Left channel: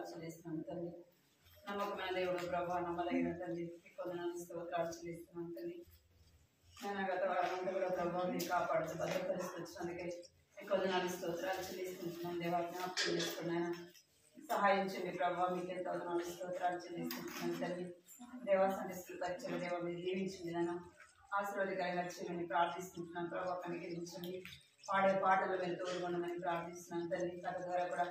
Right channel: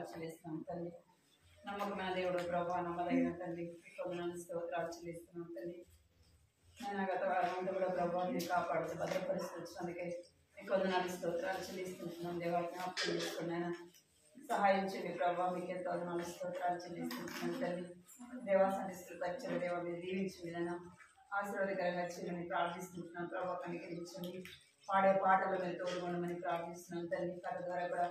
స్తోత్రాలు చెల్లిస్తున్నాం తండ్రి. నమ్మకమైన దేవుడు ప్రభా, నమ్మదగిన తండ్రి, కొందనాలు స్తోత్రాలు చెల్లిస్తున్నాం తండ్రి. నేను గత వారం అంతా కూడా ప్రభావ మీరు కాపాడుతూ భద్రపరిస్తూ వచ్చినందుకే కొందనాలు స్తోత్రాలు చెల్లిస్తున్నాం. దేవా జ్ఞాపకం చేసుకున్నాను, సహాయం చేయండి ప్రభావ. మీకు ఎంతో వందనాలు స్తోత్రాలు చెల్లిస్తున్నాను తండ్రి. దేవాసండి పరిచయం దేవ మీరు దీవించండి, నన్ను ఆశీర్వాదకరంగా చేయమని ప్రార్థిస్తున్నాం ప్రభావ. కనికరించండి, పాడే పాటలు మీరు తోడుకొండమని ప్రార్థిస్తున్నాం తండ్రి. కథ ద్వారా కూడా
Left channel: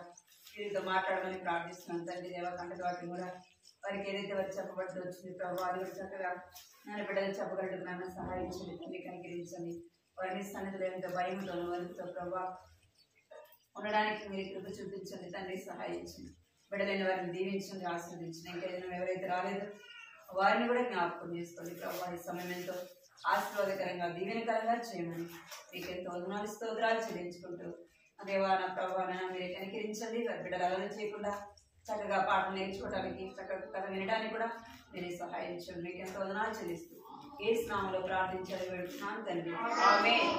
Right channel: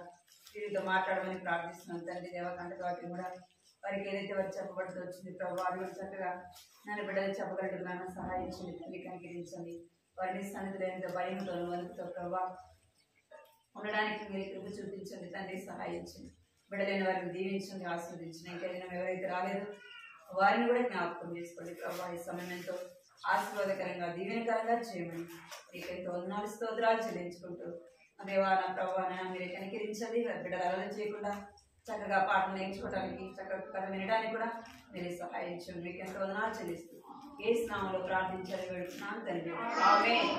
వీరితో మాట్లాడమని ప్రార్థిస్తున్నాం తండ్రి. దేవ కంట వాటిని కూడా వారికి ఏదైతే వారు చెప్పబడుతూ వచ్చింది ప్రభావ, అది కూడా చక్కగా నన్ను బిడ్డలు చెప్పగలడు నాన్న. సహాయం చేయండి తండ్రి, కనికరించండి. వారిని సన్నిధిలో ఎంత భయంతో వణుకుతో ప్రభావ ఉండడానికి మీరు కృప చూపించండి తండ్రి. సహాయం చేయండి, బిడ్డలైన వారిని దీవించండి, ఆశీర్వదించండి. ఇంకేదైనా ఎవరైతే రాలేదో వారిని కూడా జ్ఞాపకం చేసుకోండి ప్రభావ. ఈ సమయం ఎంతో ఆశీర్వాదకరంగా దీవెనకరంగా చేయమని మీకు ఎంతో వందనాలు స్తోత్రాలు చెల్లించుకుంటూ దేవా నా ప్రభావ మీరే కనికరించండి. బిడ్డలు అలవాటు చేయకుండా చక్కగా పాటలు నేర్చుకోవడానికి, చక్కగా కథ వినడానికి కూడా మీరే సహాయం చేయండి. మీకు ఎంతో వందనాలు చెల్లిస్తూ యేసు నామములో ప్రార్థించాలి వెళ్తున్నాను తండ్రి, ఆమేన్.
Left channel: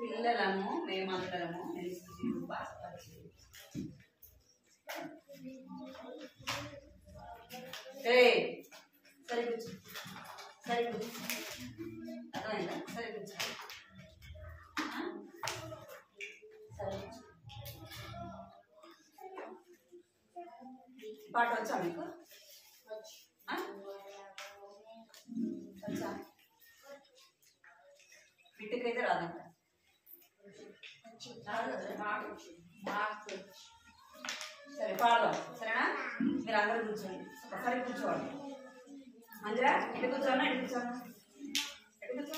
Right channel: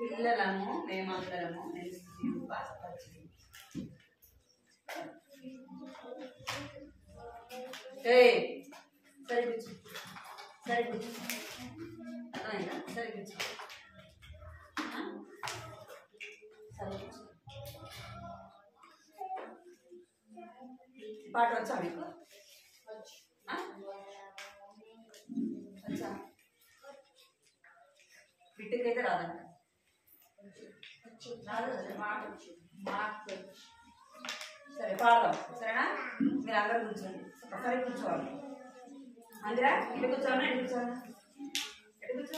పిల్లలము మేమందరము సరే కూర్చో, సరే కూర్చో, అర్థమైందా? సరే కూర్చో, సరే కూర్చో. పాట వచ్చా మీకు? వచ్చా? బిడ్డకైతే రాదంట. సరే పాడదాం, సరేనా? మీరు అందరూ కూర్చోండి, ఒకసారి కూర్చోవాలి. అందరా ఇటు కూర్చోనా, ఇటు కూర్చోనా, ఎటు కూర్చో,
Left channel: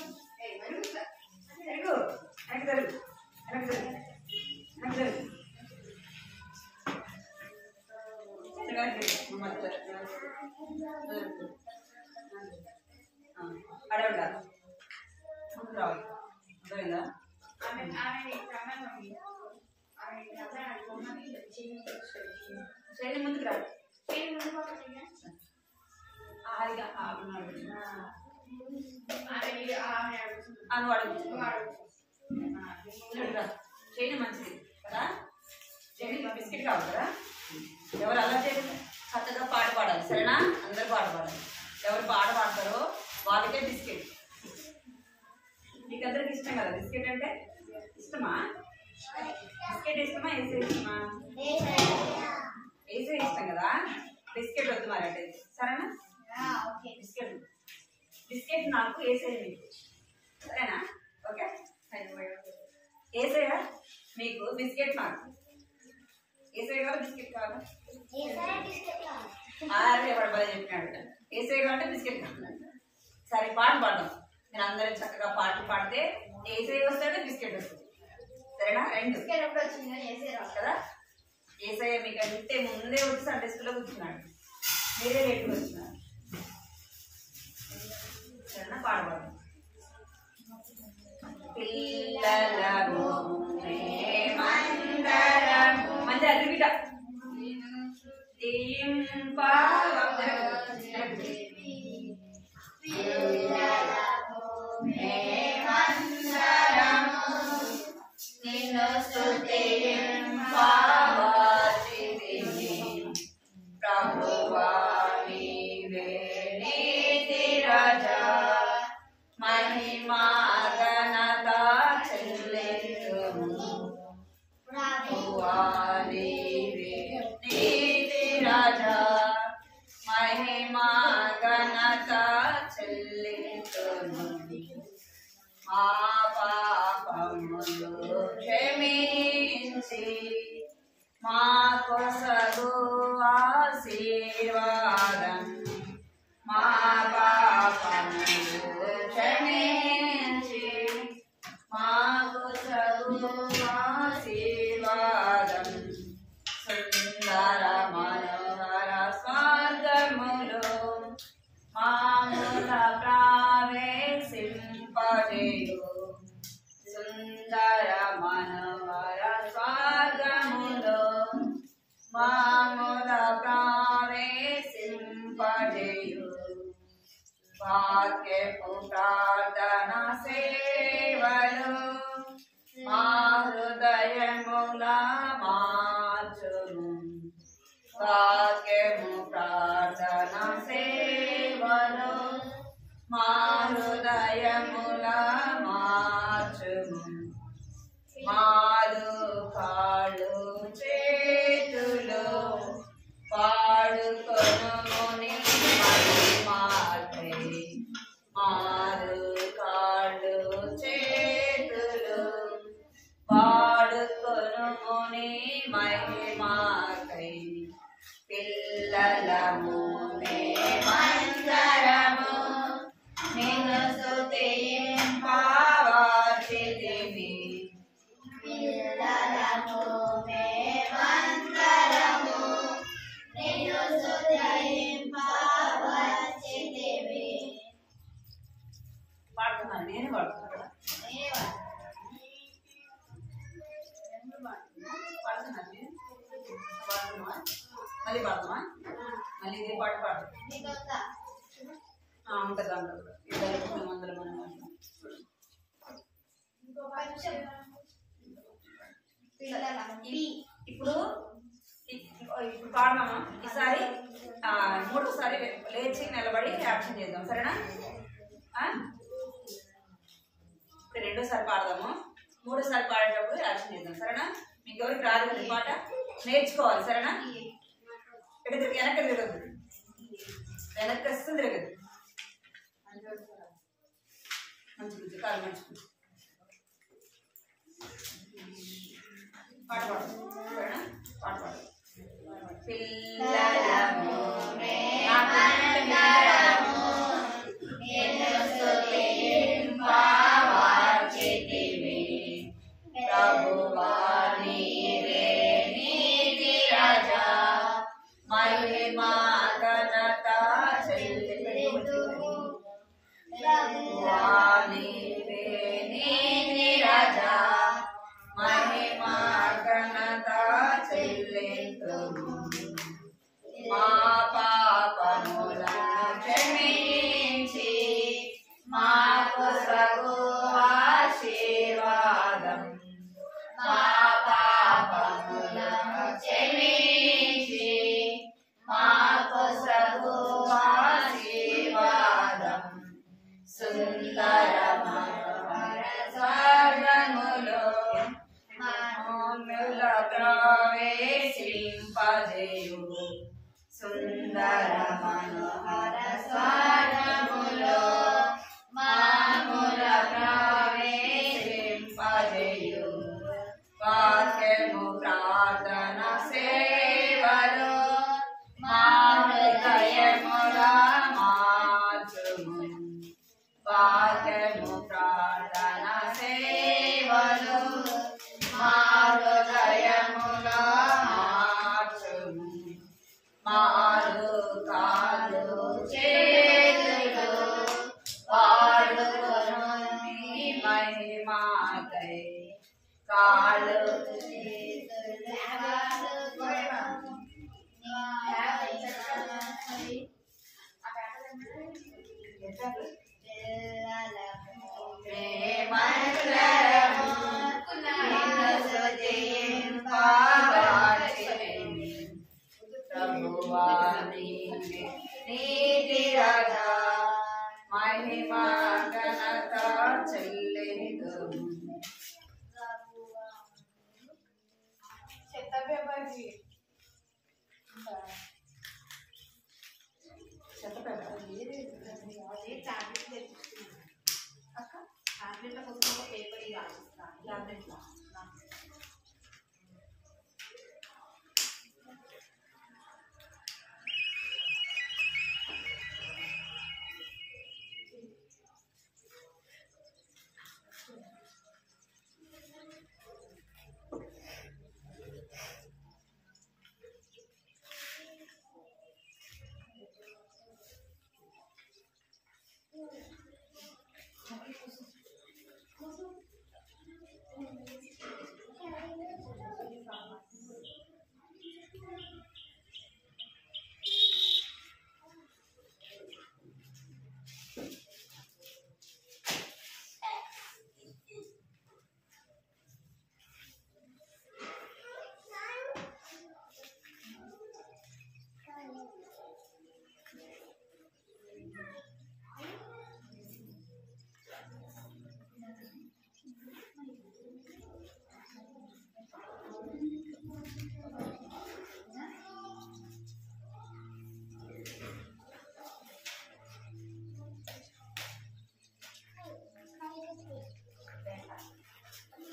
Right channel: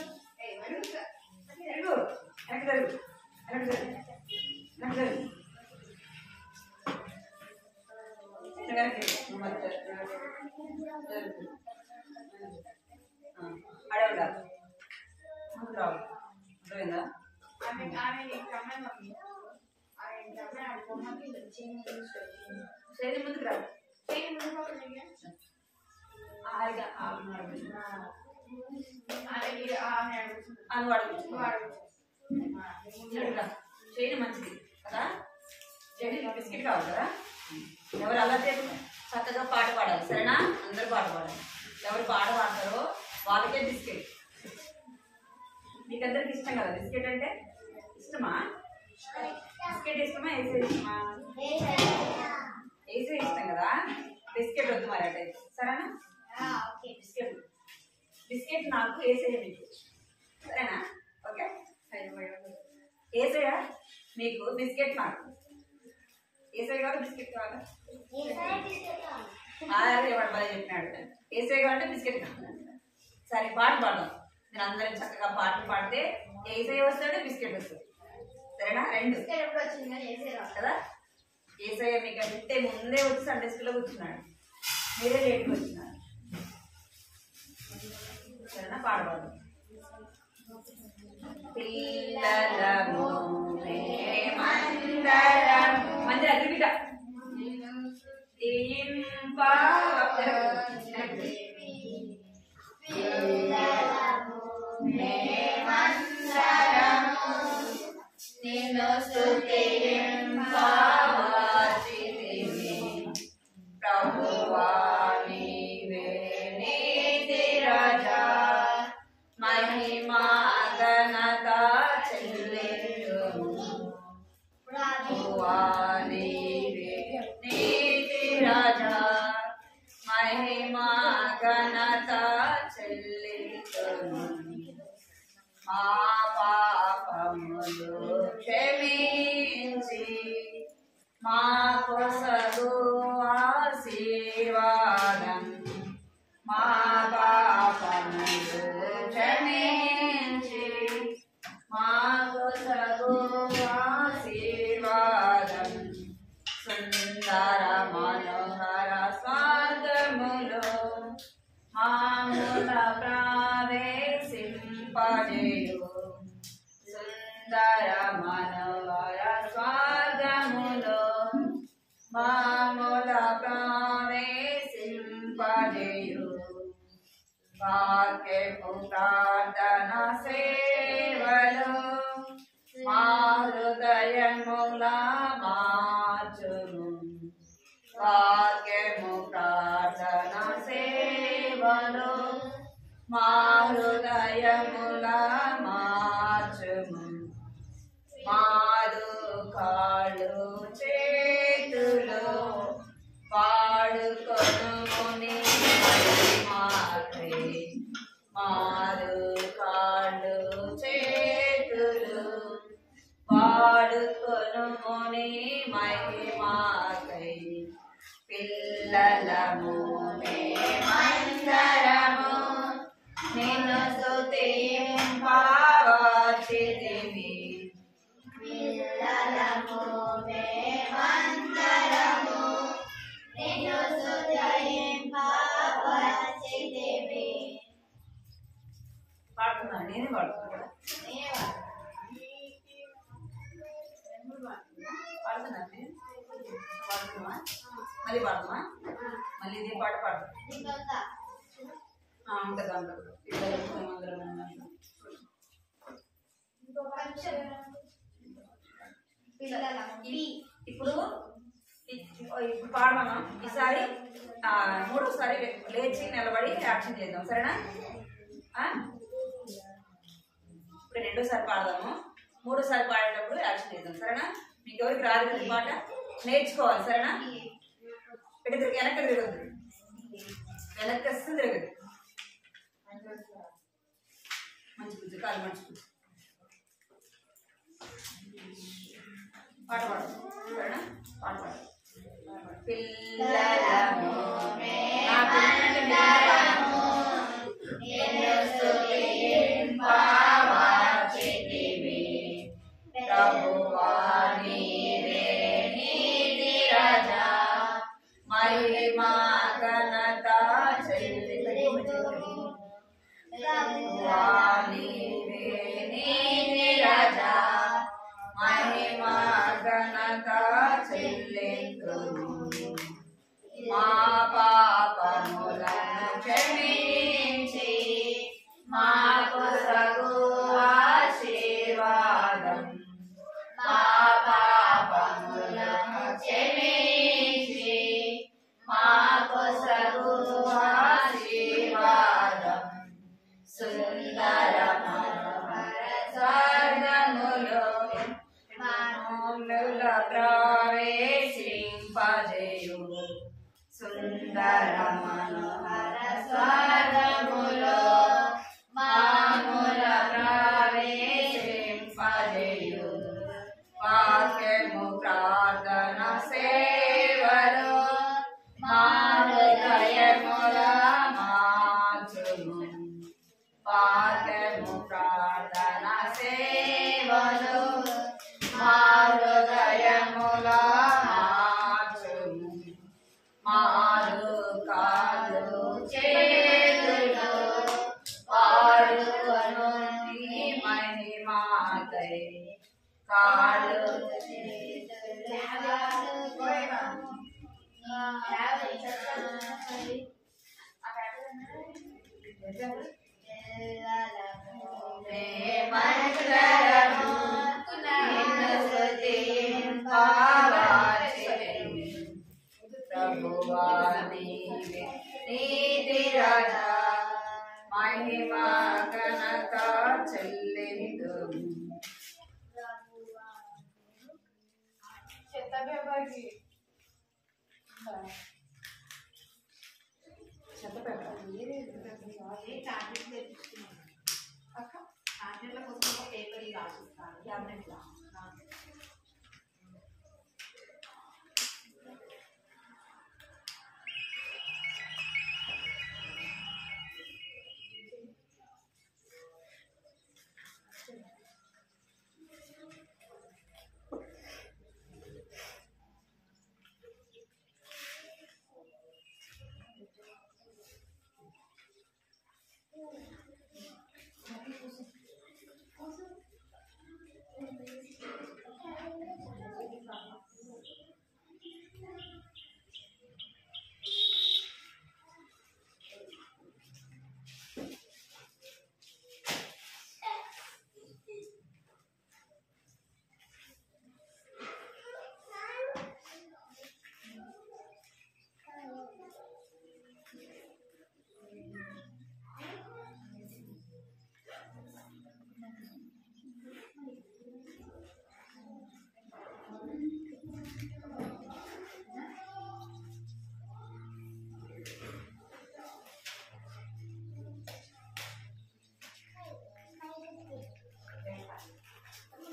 ఎరుగు వెనక్కి జరుగు, వెనక్కి జరుగు, వెనక్కి జరుగు, అడవి కాదు, ముందుకు రావాలి. అర్థమైందా? చేయని ముందుకు రాదు, చేయని మంచిది కదా. చేయని బిస్కెట్ కావాలి కదా. ఎవరు అలా చేయకుండా చక్కగా పాట పాడాలి, సరేనా? అందరూ పాట పాడాలి. ఎవరు పాట పాడతారో వాళ్ళకే బిస్కెట్. మీకు అందరికి ఇష్టం కదా బిస్కెట్ అంటే? ఇష్టమా? బిస్కెట్ ఇష్టమా, ఏసే ఇష్టమా? ఏసే ఇష్టం కదా. బిస్కెట్ వద్దు మరి అంటే, సరేనా? బిస్కెట్ బిస్కెట్ నాకు ఏసే మీకు, సరేనా? ఓకే. ఏసయ్యా మీకు, బిస్కెట్ నాకు. ఏసే కావాలా బిస్కెట్ కావాలా? ఎవడు బాగా చెప్పినాడు. ఏసై అంటే బిస్కెట్ కావాలంట. సరే పాట పాడదాం. మీరు అందరం చక్కగా పాటలు పాడితే ఏసై వస్తాడు, బిస్కెట్ వస్తుంది. సరేనా? రెండు ఎప్పుడు వచ్చింది ఏసై రాదు కదా. ఏసై మీకు అంటే ముందే వచ్చి సండే స్కూల్లో కూర్చున్నాడు, మీరే లేట్గా వచ్చినారు. సరేనా? పాట పాడదాం. పిల్లలము మేమందరము మంచి అడ్డుగిట నిన్ను స్తుతింపవలసితిమి ప్రభువా నీవే నీతి రాజా మహిమా ఘనత చెల్లించుము ప్రభువా నీవే నీతి రాజా మహిమా ఘనత చెల్లించుము మా పాపములు క్షమించి మాకు సగు ఆశీర్వాదం మా పాపములు క్షమించి మాకు సగు ఆశీర్వాదం సుందర మనోహర స్వర్గములో మాముల ప్రవేశింపజేయు సుందర మనోహర స్వర్గములో మాముల ప్రవేశింపజేయు వాక్యపు ప్రార్థన సేవలో మా హృదయముల మార్చును వాక్యము ప్రార్థన సేవలో మా హృదయముల మార్చుము మారు కాళ్ళు చేతులు పాడుకొనుని మాకై మారు కాళ్ళు చేతులు పాడుకొనుని మహిమాకై పిల్లలము మేమందరము నిన్ను స్తుతింపవలసితిమి పిల్లలము మేమందరము నిన్ను స్తుతింపవలసితిమి. పాడుతున్నాను, నేనే పాడుతున్నా. పాడుతున్నాను పాడుతున్నా మళ్ళీ పాడుతున్నా మళ్ళీ ఇదే పాట పాడు ఉంటుంది ఉంటుంది ఇప్పుడు ఇప్పుడు పాడదామా. ఈసారి మూడోసారి లేచి నిలబడి యాక్షన్ చేద్దాం. సరేనా? ఇప్పుడు రెండోసారి పాడదాము, మూడోసారి పాడేటప్పుడు యాక్షన్ చేద్దాం. సరేనా? మీకు ఎవరికి రాదు కదా పాట, నేర్చుకోవాలి. సరేనా? ఎటు తిరిగి వెనక్కి తిరగద్దు, వెనక్కి వస్తుంది తిరగదు. మంచి కాదు మంచి పాట పాడు. సరేనా? పాట పాడు. పిల్లలము ప్రభువా నీవే నీతి రాజా మహిమా ఘనత చెల్లించుము ప్రభువా నీవే నీతి రాజా మహిమా ఘనత చెల్లించుము మార్చుము వాక్యము ప్రార్థన సేవలు మా హృదయములో మార్చుము మారు కాలు చేతులు వాడుకొను నీ మహిమాకై కాలు మహిమా ఘనత చెల్లిందుము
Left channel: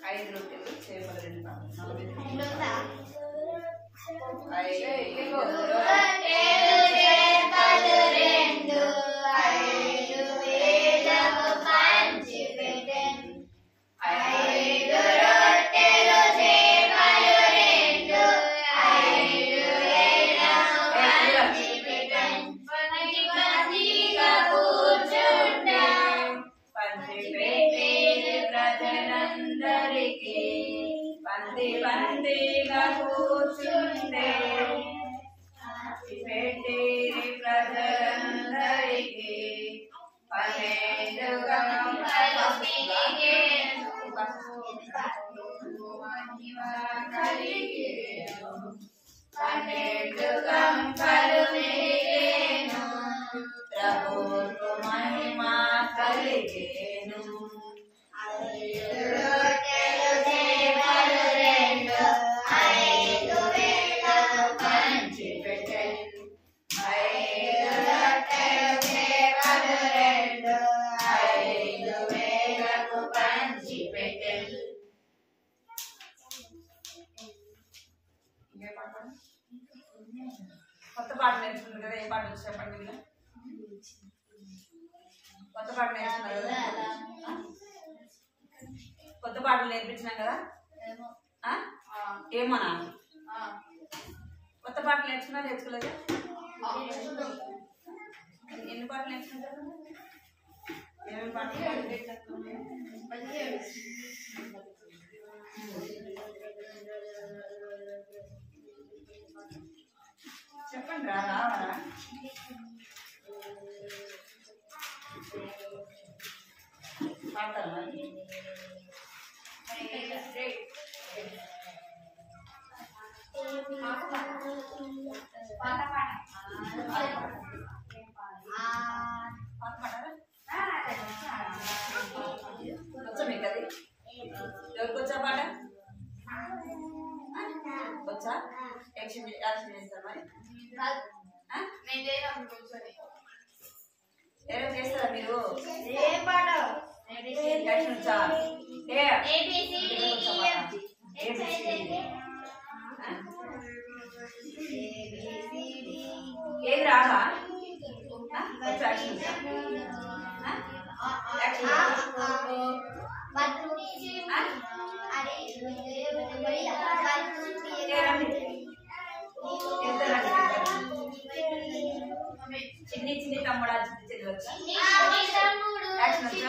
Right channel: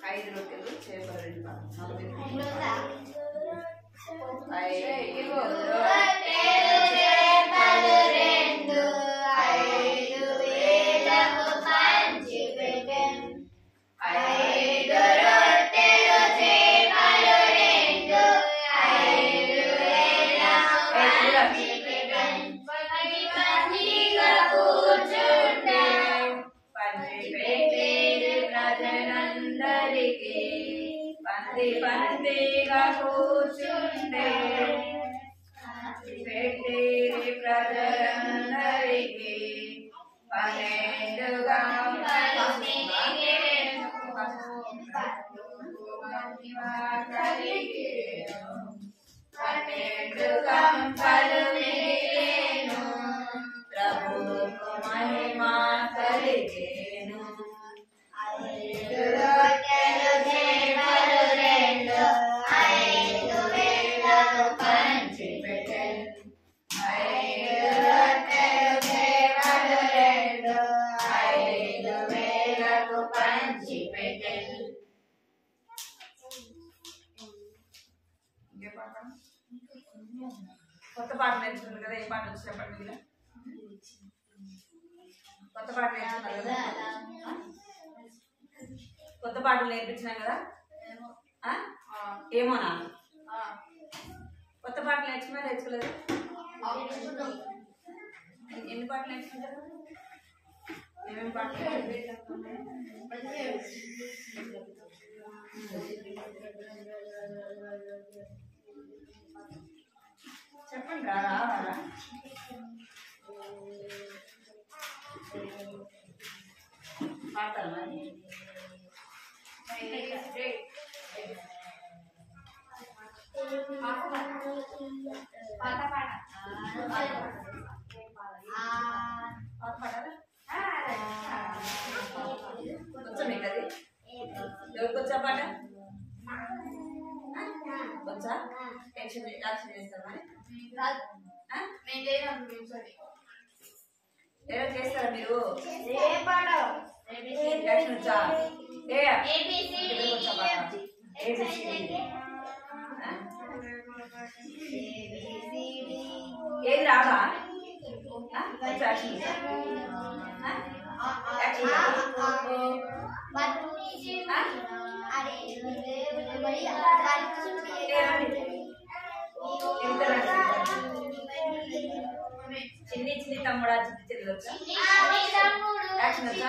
ఐదు రొట్టెలు చేపలు 2 పందిగా కూర్చుండే పెట్టేది ప్రజలందరికీ 12గా ప్రభువుకు మహిమ కలిగేను కొత్త పాట నేర్చుకుంది కదా ఏ పాట వచ్చి చెప్పండి మీరు కొత్త పాట నేర్చుకున్నారు కదా కొత్త పాటలు నేర్పించినాం కదా ఏమోనా కొత్త పాటలు నేర్చుకోలేదు ఎన్ని పాటలు నేర్చుకుంటారు ఏమేమి పాటలు చెప్పండి రావాలా పాడతారా వచ్చా మీకు అది ఎవరికి వచ్చా పాట వచ్చా యాక్షన్ చేస్తారు మరి ఎవరు చేస్తారా మీరు యాక్షన్ వచ్చా ఏది రావా వచ్చా యాక్షన్ వచ్చా? చిన్ని చిన్ని తమ్ముడా చిన్ని చెల్లి వచ్చా? యాక్షన్ వచ్చా?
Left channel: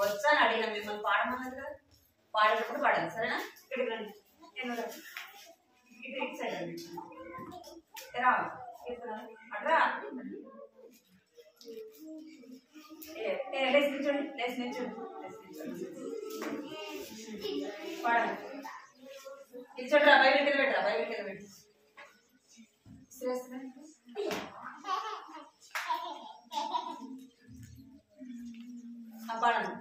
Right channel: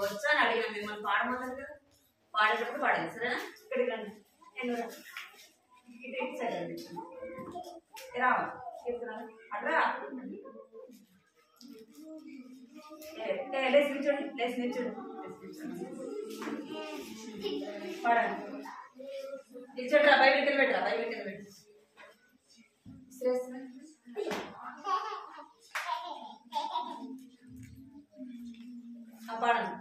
వచ్చా అని అడిగిన మిమ్మల్ని పాడమన్నారు కదా, పాడేటప్పుడు పాడాలి సరేనా? ఇక్కడికి రండి, ఇటు సైడ్ రండి, రా అట్రా, లేచి నిల్చోండి, లేచి నిల్చోండి, పాడండి. నిల్చోండి రా, బైబిల్ కింద పెట్టరా, బైబిల్ కింద పెట్టు. పాడండి.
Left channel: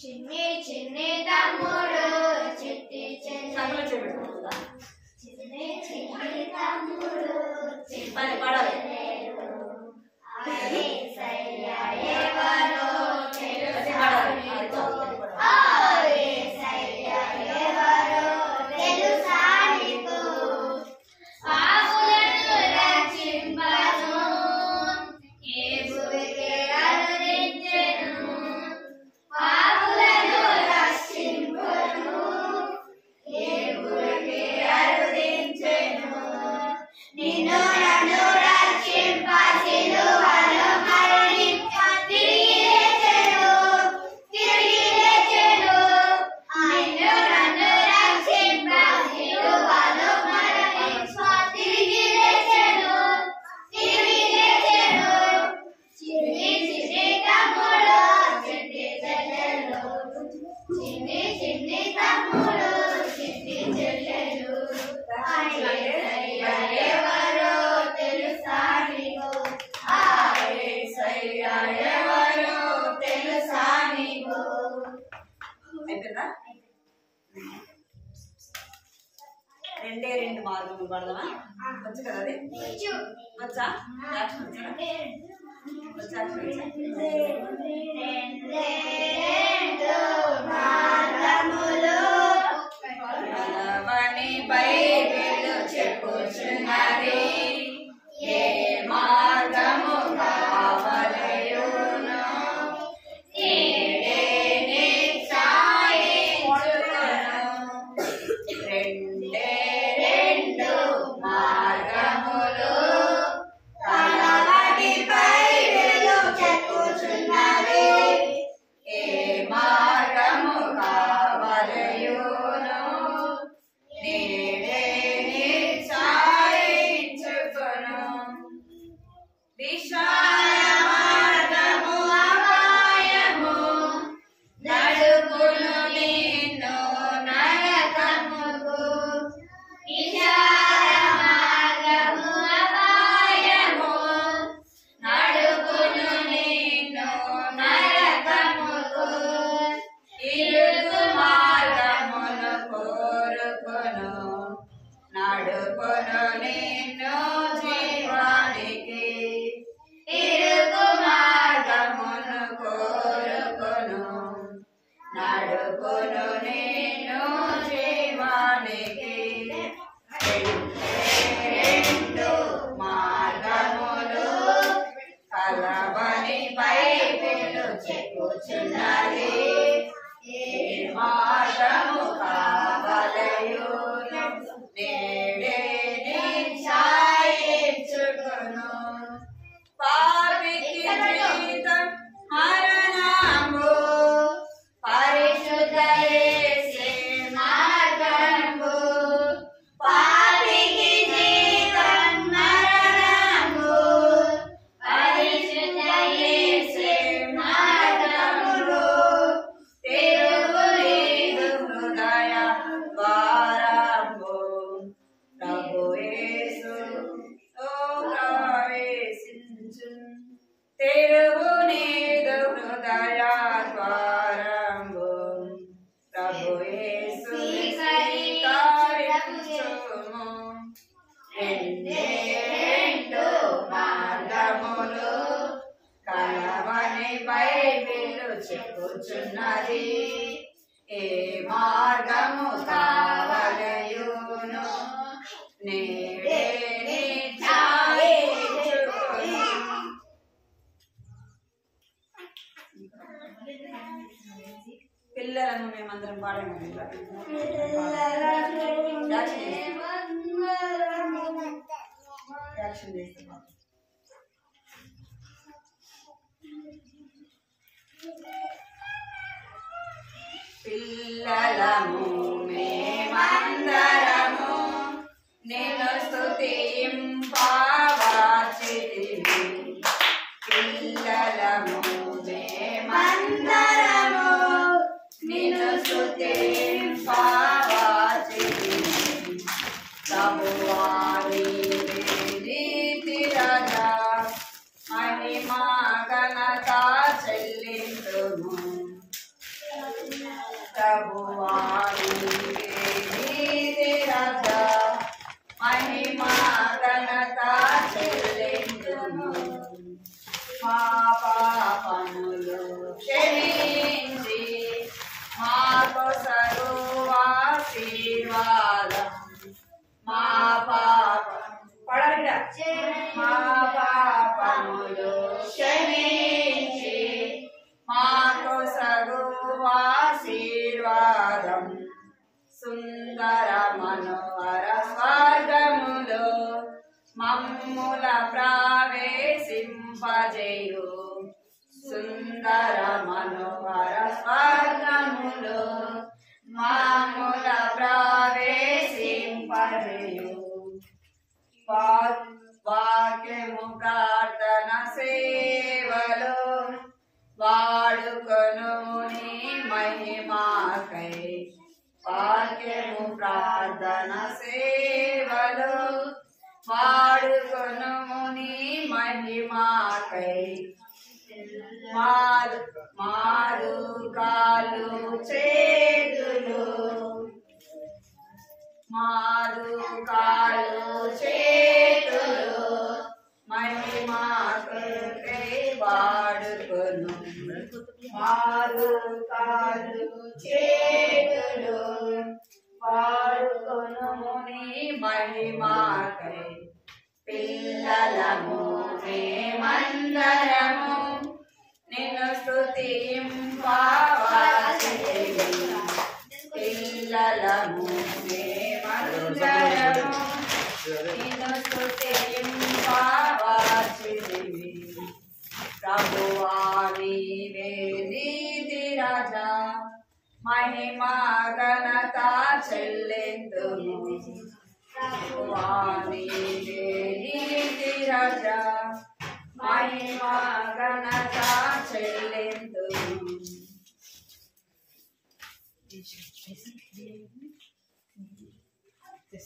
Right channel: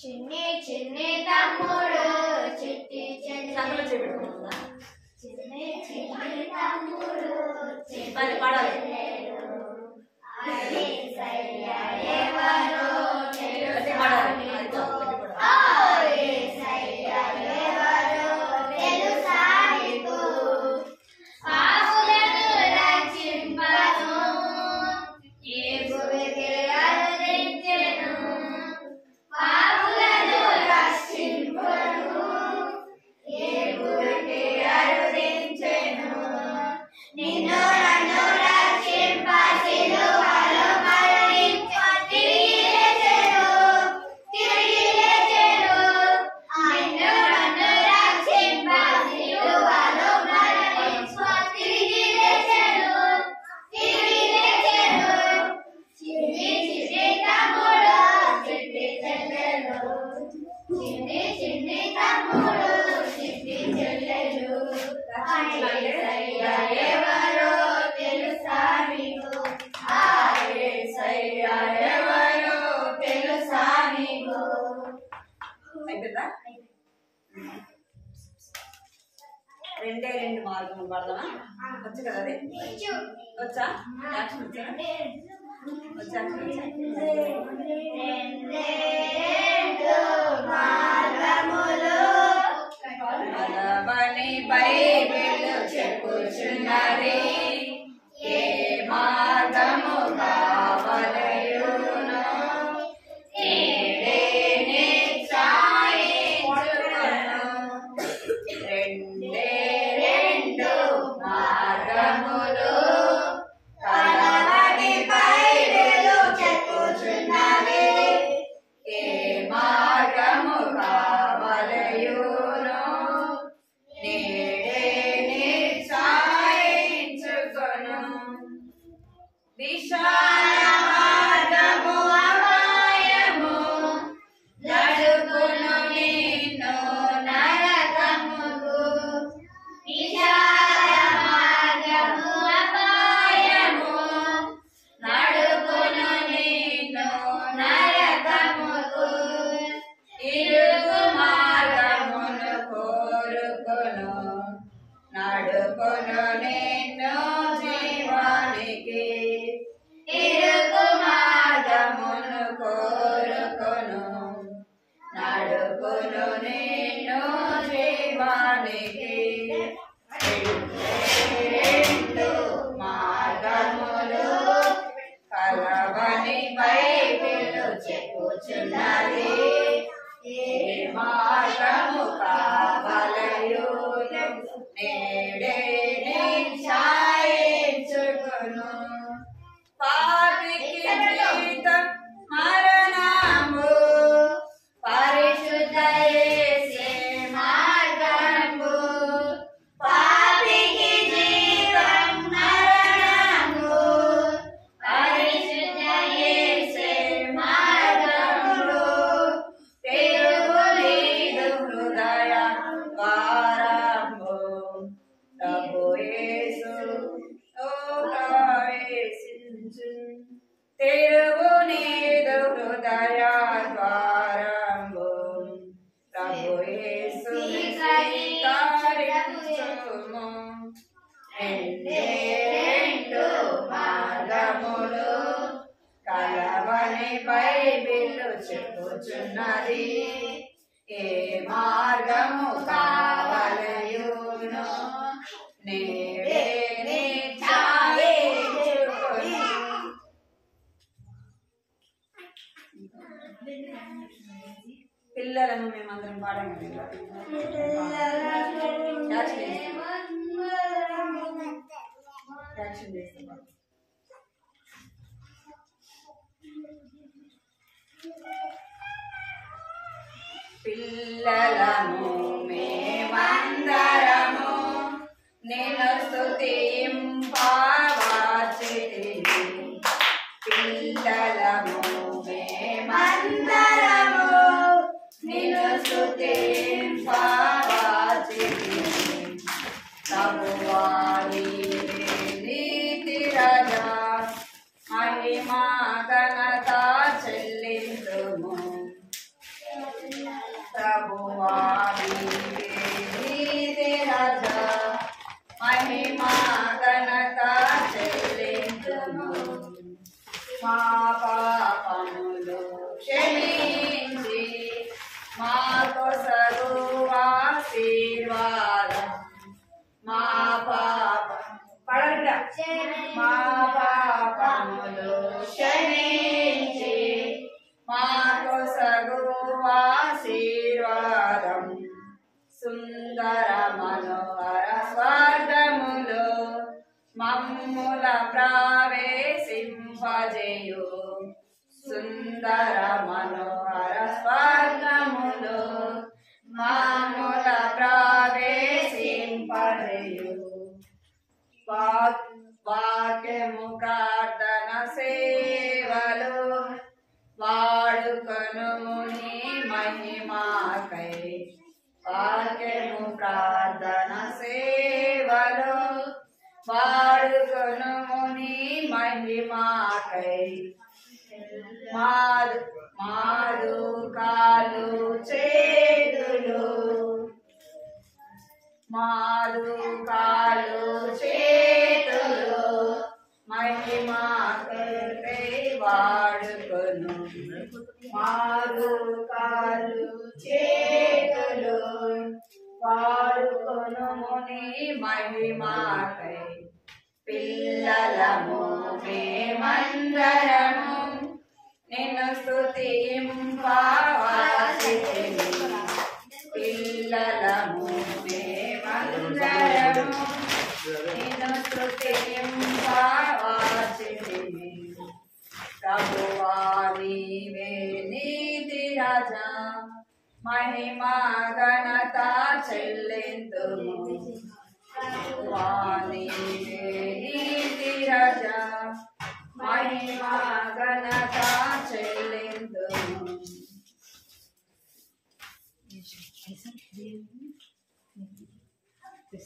చిన్ని చిన్ని తమ్ముడు చిట్టి సంగలో చేపెట్టుకుంటుందా? చిన్ని చిన్ని తమ్ముడు పాడాలి. అయిపోయిందా? రెండే రెండు మార్గములు పడదామా? వచ్చు కదా అది? వచ్చా? యాక్షన్ వచ్చా? వచ్చా? బలమని బైబిల్ చెప్పుచున్నది, ఏ మార్గము కావలయును రెండే రెండు మార్గములు కలవని బైబిల్ చెప్పుచున్నది, ఏ మార్గము కావలయును నేడే నిశ్చయించుకొను. విశాల మార్గము అపాయము నడుపును నిన్ను నరకముకు, విశాల మార్గము అపాయము నడుపును నిన్ను నరకముకు, ఇరుకు మార్గమును కోరుకొను నడుపును నిన్ను జీవానికి, ఇరుకు మార్గమును కోరుకొను నడుపును నిన్ను జీవానికి. రెండు మార్గములు కలవని బైబిల్ చెప్పుచున్నది, ఏ మార్గము కావలయును నేడే నిశ్చయించుకొను. పాపికి జీవితం మరణము, పరిశుద్ధ యేసే మార్గము. పాపికి జీవితం మరణము, పరిశుద్ధ యేసే మార్గము. తిరుగులేదు హృదయ ద్వారము, ప్రభు యేసు ప్రవేశించు. తిరుగులేదు హృదయ ద్వారము, ప్రభు యేసు స్వీకరించుము. రెండే రెండు మార్గములు కలవని బైబిల్ చెప్పుచున్నది, ఏ మార్గము కావలయును నేడే పిల్లలను మేమందరం పాడాము యాక్షన్ చేస్తాం. పిల్లలము మేమందరము నిన్ను స్తుతింపవచ్చితిమి. పిల్లలము మేమందరము నిన్ను స్తుతింపవచ్చితిమి. ప్రభువా నీవే నీతి రాజా మహిమా ఘనత చెల్లింతుము. ప్రభువా నీవే నీతి రాజా మహిమా ఘనత చెల్లింతుము. మా పాపములు క్షమించి మాకు సర్వాశీర్వాదం. మా పాపములు క్షమించి మాకు సర్వాశీర్వాదం. సుందర మనోహర స్వర్గములో మమ్ముల ప్రవేశింపజేయు. సుందర మనోహర స్వర్గములో మమ్ముల ప్రవేశింపజేయు. వాక్యము ప్రార్థన సేవలు వాడుకొను నీ మహిమాకై. వాక్యము ప్రార్థన సేవలు వాడుకొను నీ మహిమాకై. మాదు కాలు చేతులు మహిమాకై వాడుకొను. మాదు కాలు చేతులు వాడుకొను నీ మహిమాకై. పిల్లలము మేమందరము నిన్ను స్తుతింపవచ్చితిమి. పిల్లలము మేమందరము నిన్ను స్తుతింపవచ్చితిమి. ప్రభువా నీవే నీతి రాజా మహిమా ఘనత చెల్లింతుము. ప్రభువా నీవే నీతి రాజా మహిమా ఘనత చెల్లింతుము.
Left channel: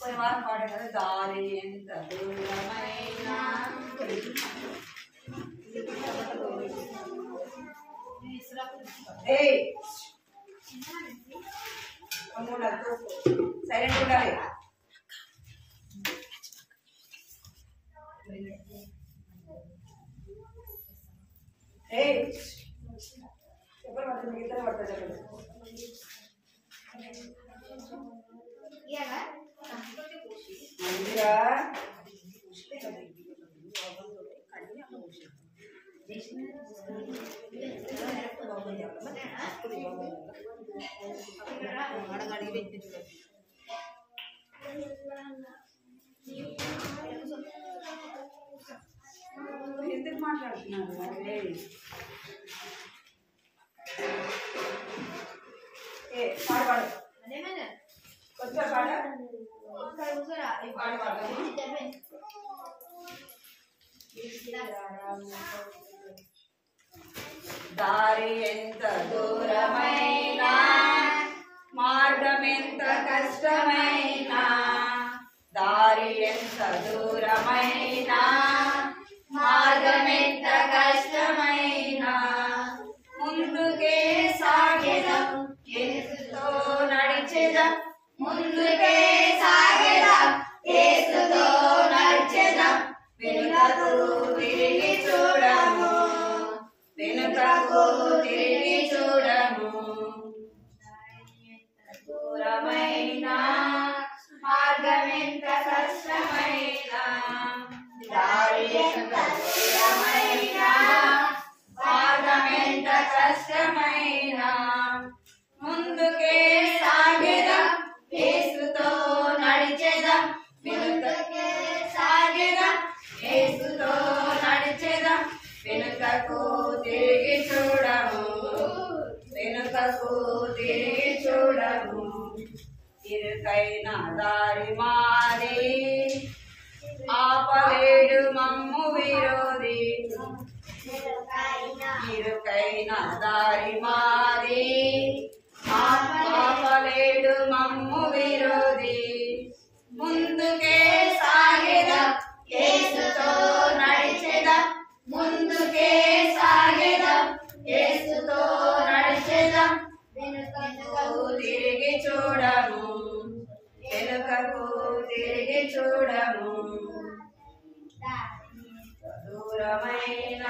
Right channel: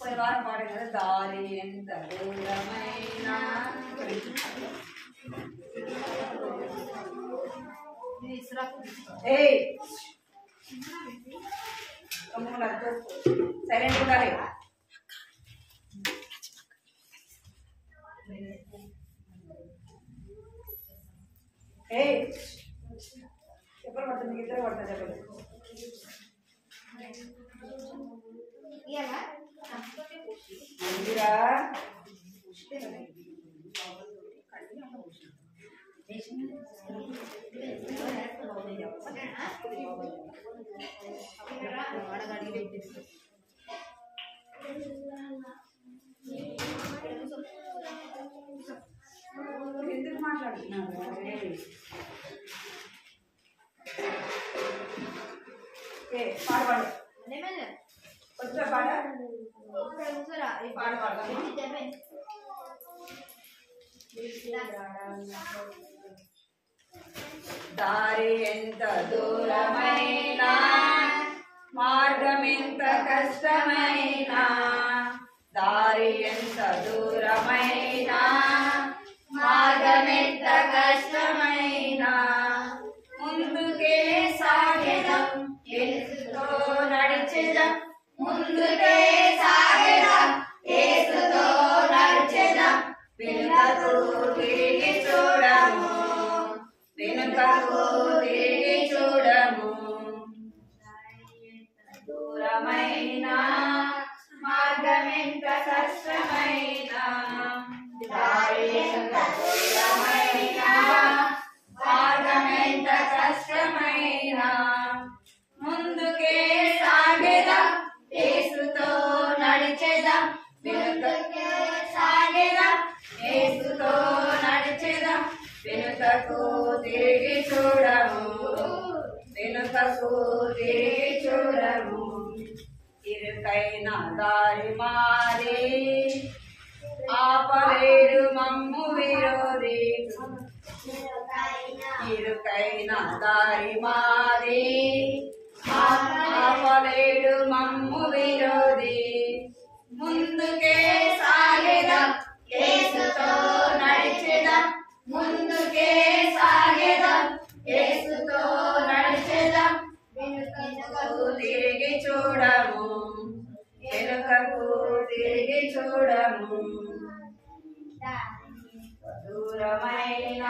పోయిన వారం పాడాం కదా, దారి ఎంత దూరమైనా సైలెంట్ ఉండాలి. చెప్పలు పడుతుంది, ఇద్దరు పడుతుంది చెప్పలు. మందిరా ఎందుకు మాట్లాడుతున్నారు? పాడు పాడు కొంచెం పాడ దారి ఎంత దూరమైనా మార్గం ఎంత కష్టమైనా. దారి ఎంత దూరమైనా మార్గం ఎంత కష్టమైనా. ముందుకే సాగెదం యేసుతో నడిచెదం. ముందుకే సాగెదం యేసుతో నడిచెదం. వెనుకకు తిరిగి చూడము, వెనుకకు తిరిగి చూడము. దూరమైనా మార్గం ఎంత కష్టమైనా. దారి ఎంత దూరమైనా మార్గం ఎంత కష్టమైనా. వెనుకకు తిరిగి చూడము వెనుకకు తిరిగి చూడము ఇరుకైన దారి మారి ఆపలేడు మమ్ము విరోధి ఇరుకైన దారి మారి ఆపలేడు మమ్ము విరోధి ముందుకే సాగెదం యేసుతో నడిచెదం ముందుకే సాగెదం యేసుతో నడిచెదం వెనుకకు తిరిగి చూడము వెనుకకు తిరిగి చూడము దూరమైన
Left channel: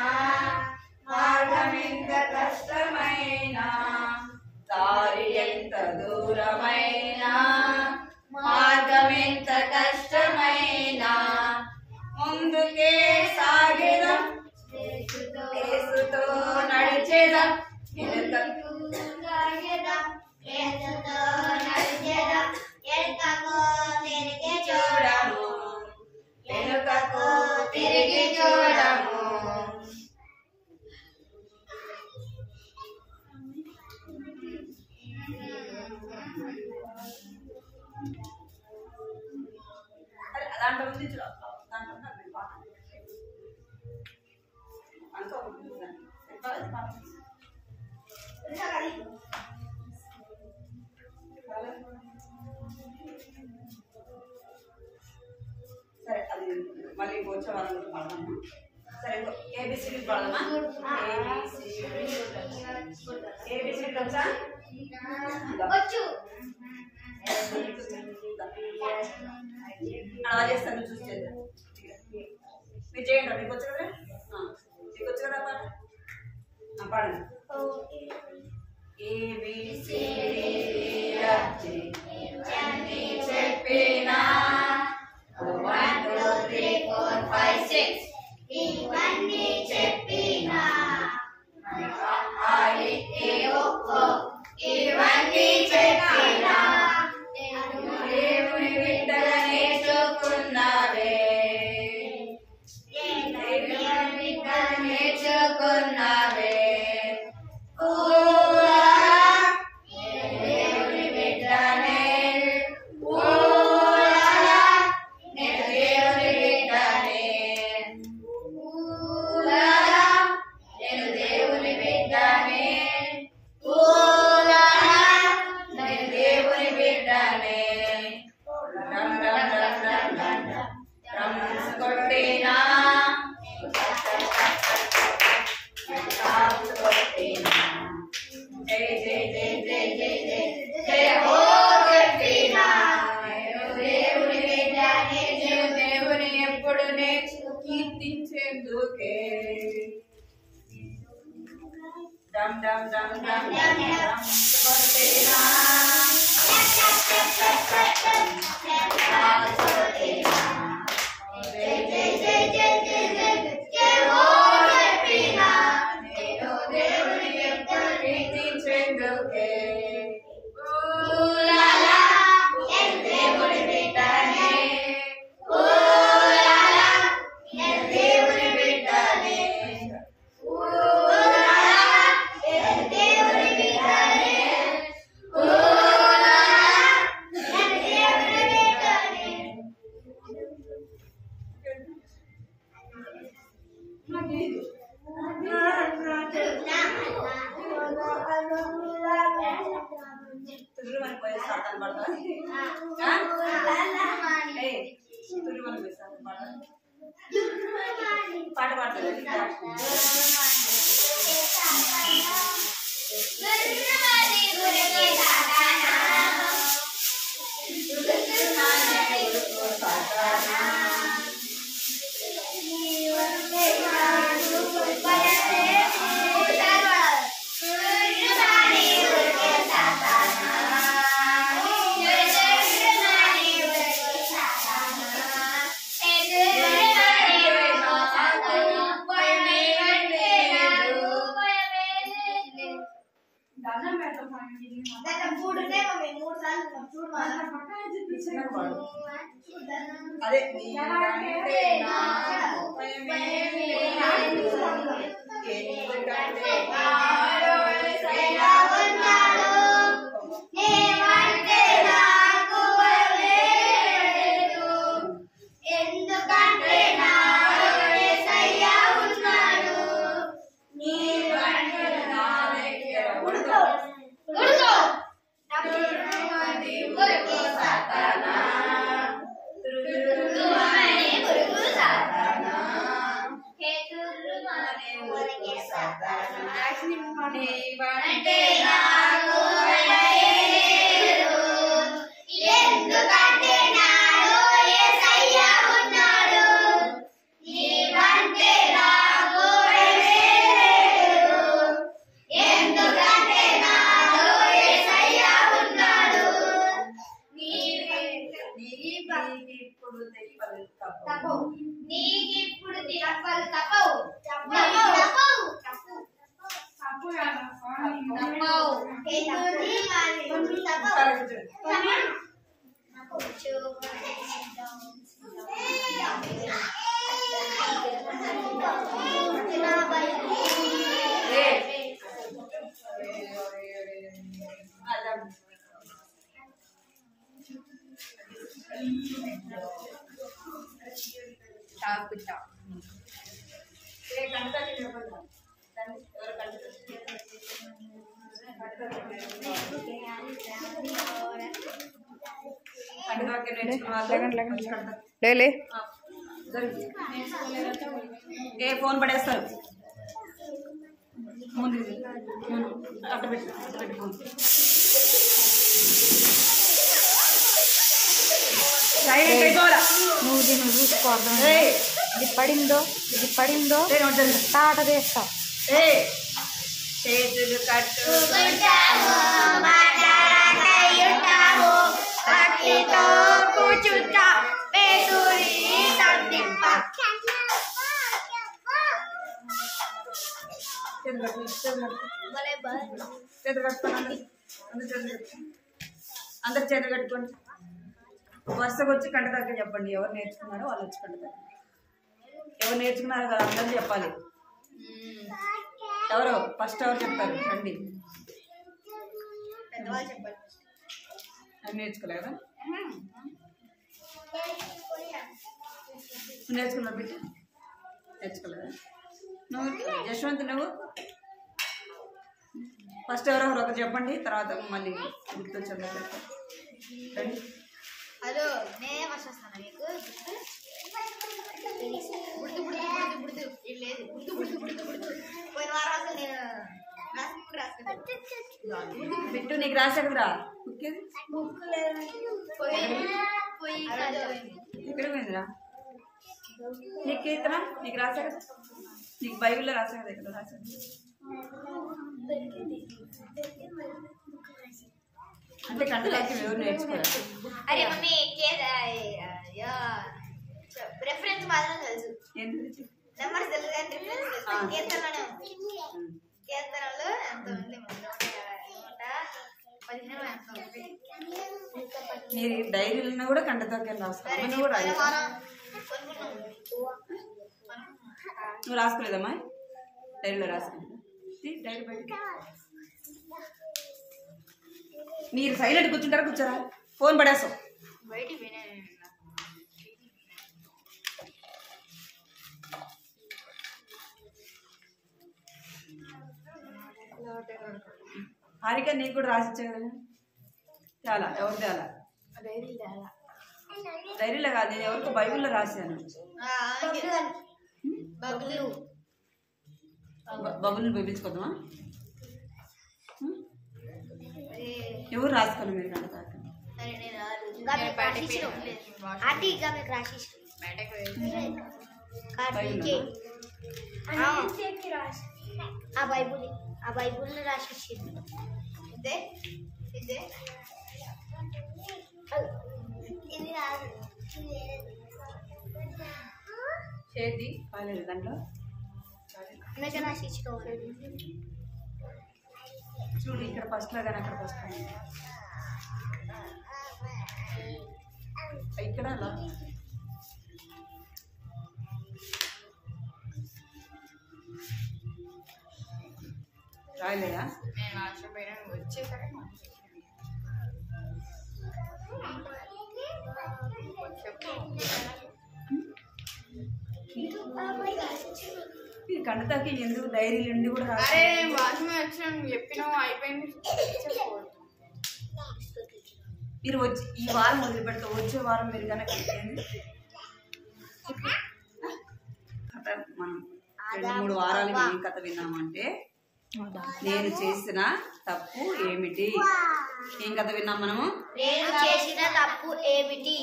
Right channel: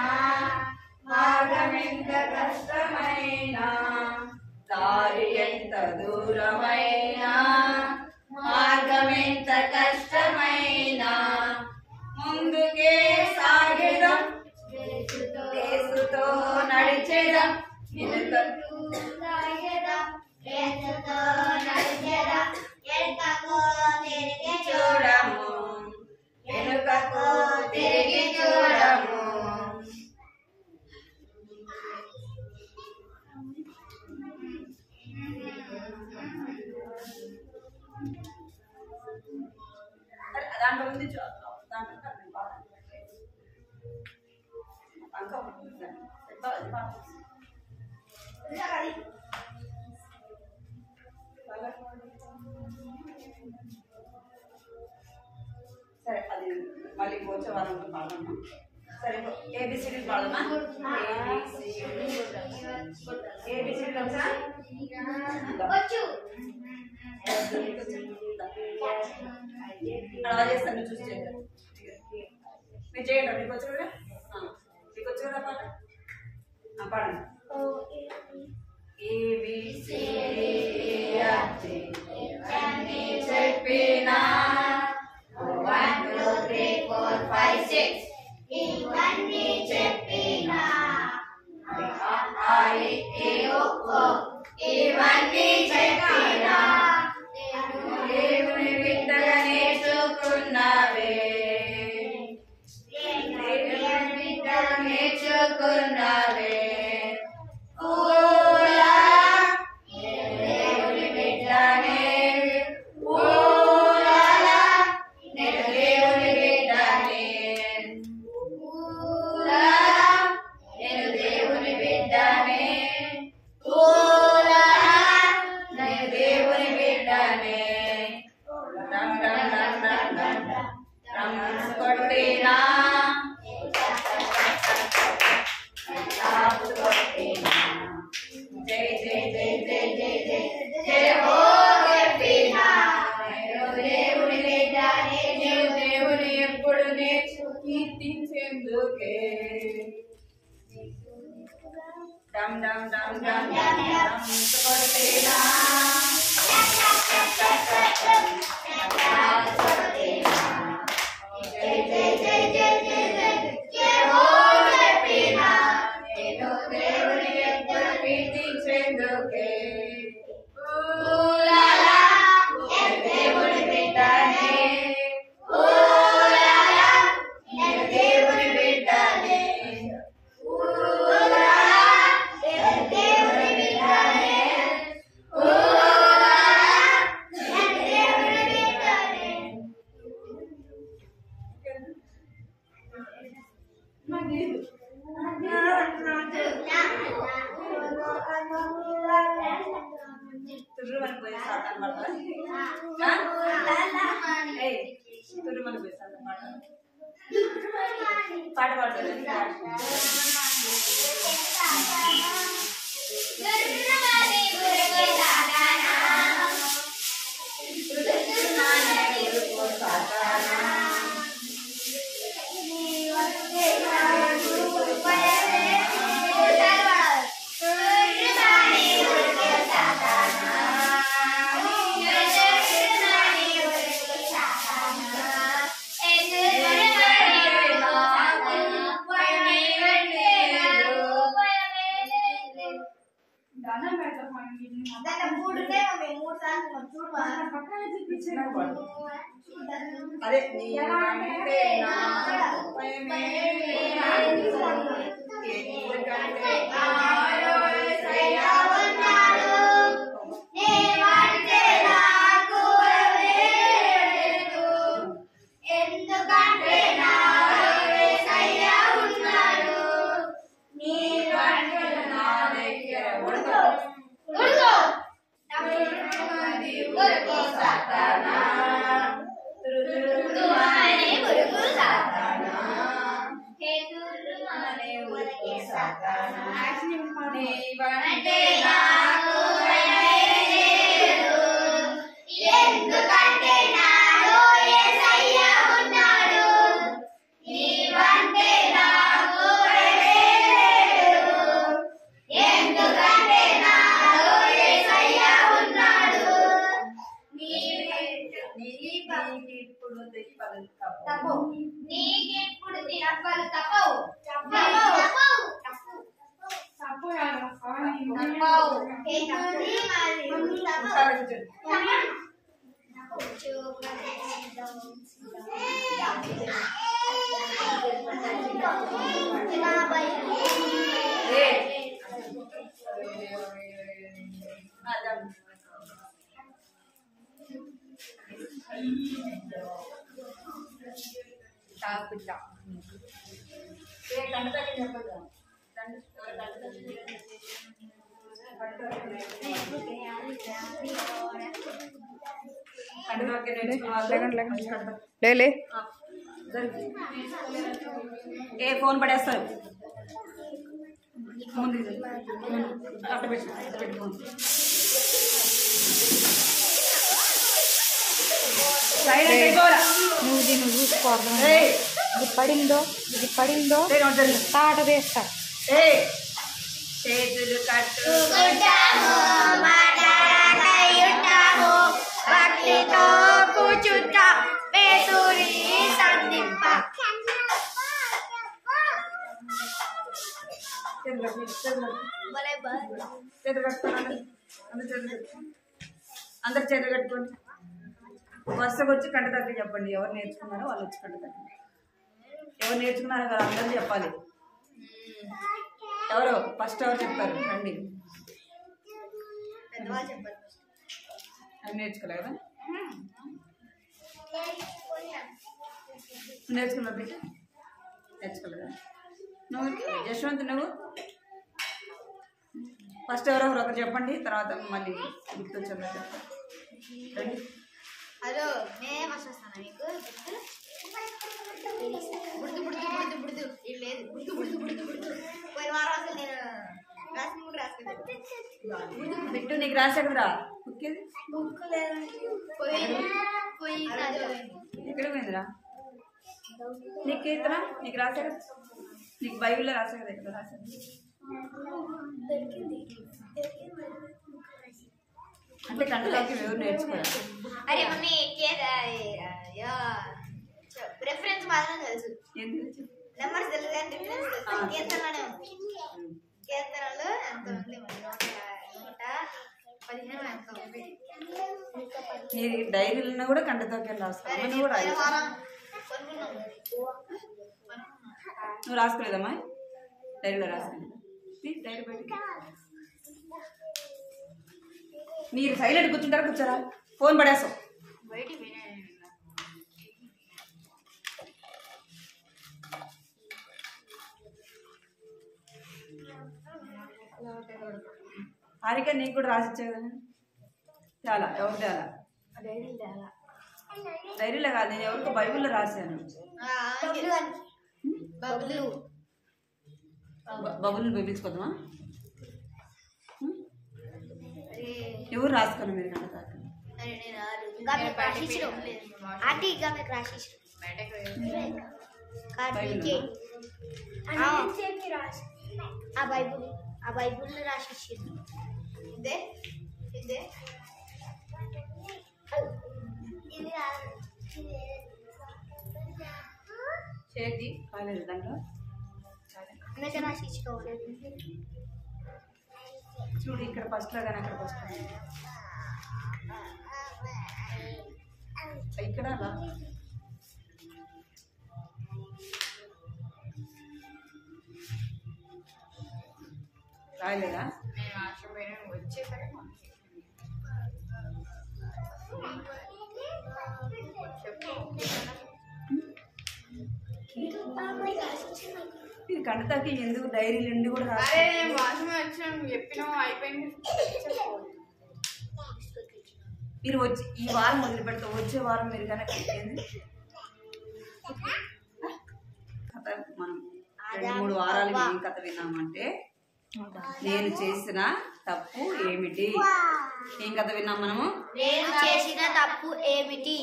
మార్గం ఎంత కష్టమైన దారి ఎంత దూరమైన మార్గం ఎంత కష్టమైన ముందుకే సాగెదం యేసుతో నడిచెదం వెనుకకు తిరిగి చూడము వెనుకకు తిరిగి చూడము దాంట్లో ఉంది దాంట్లో సరే అది మళ్ళీ వచ్చే వారం పాడమన్నా సరే ఏబిసిడి పాడమా ఏబిసిడి వచ్చా అలా చేస్తాను చూసి చేద్దాం మీరు చేయండి మీకు వచ్చు కదా మీకు వచ్చు కదా పాట పాడండి చెప్పినా 1 2 3 4 5 6 ఇవన్నీ చెప్పినా ఇవన్నీ చెప్పినా దేవుని బిడ్డగా నేర్చుకున్నావే దేవుని బిడ్డగా నేర్చుకున్నావే దేవుని బిడ్డనే నేను దేవుని బిడ్డనే నేను దేవుని బిడ్డనే నేను దేవుని బిడ్డనే కొట్టినా జై జై జై జై జై జై జై హో చెప్పినా నేను దేవుని బిడ్డనే నేను దేవుని ఎప్పుడు కీర్తించేందుకే డమ్ డమ్ డమ్ డమ్ డమ్ కొట్టినా జై జై జై జై జై జై జై హో చెప్పినా నేను దేవుని ఎప్పుడు కీర్తించేందుకే దేవుని బిడ్డనే నేను దేవుని బిడ్డనే దేవుని బిడ్డనే తుర్రుమని పోయే సాతాను పాట తుర్రుమని పోయే సాతాను పాట పాడతారు అదే నీవంటే నాకు లేదు, ఎందుకంటే నాలో యేసయ్య ఉన్నాడు. నీవంటే నాకు లేదు, ఎందుకంటే నాలో యేసయ్య ఉన్నాడు. నీకిప్పుడు తిప్పలు తప్పవు, నీకిప్పుడు తిప్పలు తప్పవు, కంటకి చెప్పదు ఏ ఫోన్ పడేస్తారు ముందు అట్టబెట్టు ఫోన్ సైలెంట్ అయిపోరా నువ్వు దీన్ని చూసుకోవడం ఇది పడిందో తాట తీస్తా చేతులు కట్టు కూర్చుంటా పేటూరి సందింప చేతులు కట్టుకోండి అందరు చేతులు కట్టుకోండి వరుసకు వచ్చి కంట దగ్గర చెప్పండి ఎవరు నేర్చుకున్నారో వాళ్ళు వచ్చి కంట దగ్గర ఎవరు నేర్చుకున్నారో కదా అందరూ చెప్పాలి ఎవరు ఫస్ట్ ఎవరు చెప్తారు రండి పెద్దవాళ్ళు చెప్పండి అది నేర్చుకోలే కదా నేర్చుకున్నావు బిడ్డ నేర్చుకోలేదా నువ్వు యశ్వంత్ నువ్వు ఫస్ట్ ఎవరెవరు ఒకరు చెప్పండి తర్వాత మళ్ళీ గుర్తొచ్చిందా చెప్తా రండి హలో నేనే ఫస్ట్ వస్తాను మీకు బుడుతు బుడుతు బుడుతు బుడుతు ఇది లేదు బుడుతు బుడుతు బుడుతు బుడుతు పోయిన వారం అసలు నేను రాసి కూడా రాసుకుంటాను బిట్టు నీకు రాసా కదరా బుక్కేది బుక్ లేదు పోయి ఎక్కడ పోయిందిరా నీకు కీర్తన నీకు రాసా కదా నీకు బైబిల్లో రాసా కదా ఇక్కడ రాసా అంటే కంటదాకి ఎవరు నేర్చుకోరా అరే మమ్మీ రెఫరెన్స్ మాత్రం తెలుసు ఎందుకు నెంబర్స్ తెలుసు కానీ రిఫరెన్స్ తెలుసు కీర్తనలోనే ఉంది కీర్తనలో ఎంత ఉంది మరి 115 ఎంత ఉంది మీరు డైరీలను కూడా కంటతోకి రాసుకోవాలి నువ్వు కూడా వారం కొనుక్కున్నాం నువ్వు రాసుకోలేదమ్మా డైరీలో రాసుకోలేదు డైరీ బయటికి మీరు సైలెంట్ కూర్చుంటారా కూర్చోరా ఫోన్ పడేస్తావు బయటికి హారిక నీకు కూడా రాసిచ్చే కదా చాలా ఎవరు తేలా డైరీలో కాదు నేను ఎవరికో బైబిల్లో రాశాను బబుల్ని పంపించుకోద్దామా ఎవరు రాసుకోను మీరు కంట తాక ఆ బైబుల్ రాసిచ్చింది ఇదే ఇదే చేతి కాలేదు దాంట్లో రాసిచ్చుకోవాలి చూడు ఇక్కడ ఫస్ట్ లో కానీ అక్కడ ఫస్ట్ ఇక్కడ అలా రాయలేదా మీరు కంటతాకి ఎందుకు డైరీలు ఉండి కూడా మీరు వచ్చి ఈ వారం మొదలు పెడతా వచ్చే వారం మీరు కనుక కట్టింది మనం 2-3 వారాలు ఏం కథ విన్నామంటే నేను చేసిన తప్పు ఏమిటి. ఏం కథ విన్నాం మనము? నేను చేసిన తప్పు ఏమిటి.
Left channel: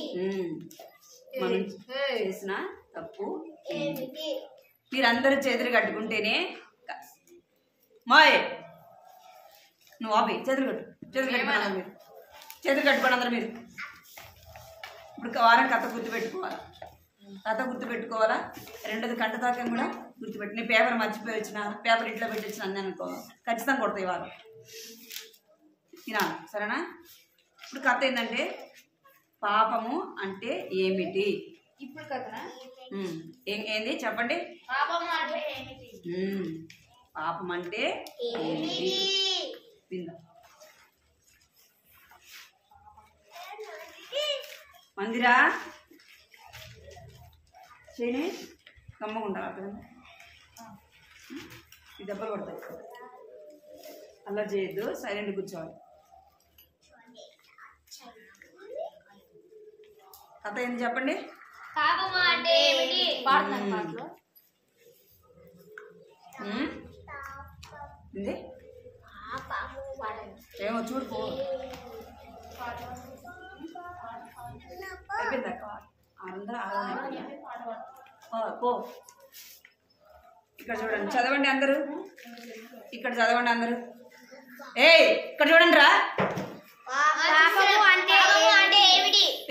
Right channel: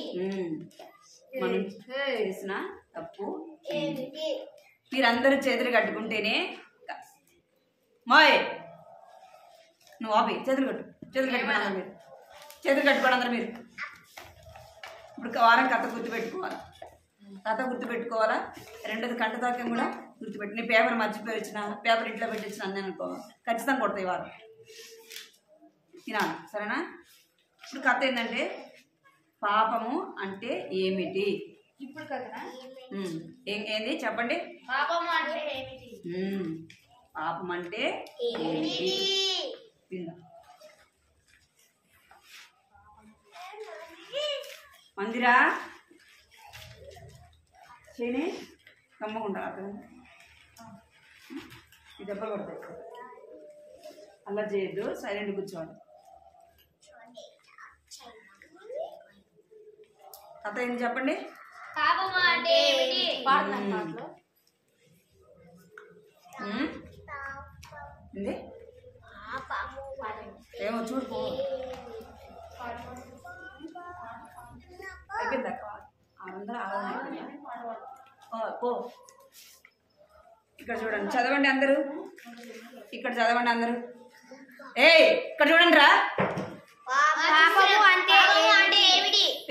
మనం చేసిన తప్పు ఏమిటి. మీరందరూ చేతులు కట్టుకుంటేనే మాయ్ నువ్వు ఆపి చేతులు కట్టుకోండి అందరు మీరు. చేతులు కట్టుకోండి అందరు మీరు. ఇప్పుడు వారం కథ గుర్తుపెట్టుకోవాలా. రెండోది కంట తాకం కూడా గుర్తుపెట్టు. నీ పేపర్ మర్చిపోయి వచ్చిన పేపర్ ఇంట్లో పెట్టి వచ్చిన అందని అనుకో ఖచ్చితంగా కొడతాయి వారం. తినాలి సరేనా? ఇప్పుడు కథ ఏంటంటే పాపము అంటే ఏమిటి. ఇప్పుడు కదా ఏంది చెప్పండి. పాపం అంటే ఏమిటి. పాపం అంటే ఏమిటి విందాం. మందిరా చేయని కమ్మకుండా అర్థం ఈ దెబ్బలు పడతాయి. అలా చేయొద్దు, సైలెంట్ కూర్చోవాలి. కథ ఏంటి చెప్పండి. పాపం అంటే ఏమిటి. ఏమో చూడుకో అయిపోయింది అక్క 600 పో. ఇక్కడ చూడండి, చదవండి అందరూ. ఇక్కడ చదవండి అందరూ. ఇక్కడ చూడండి రా.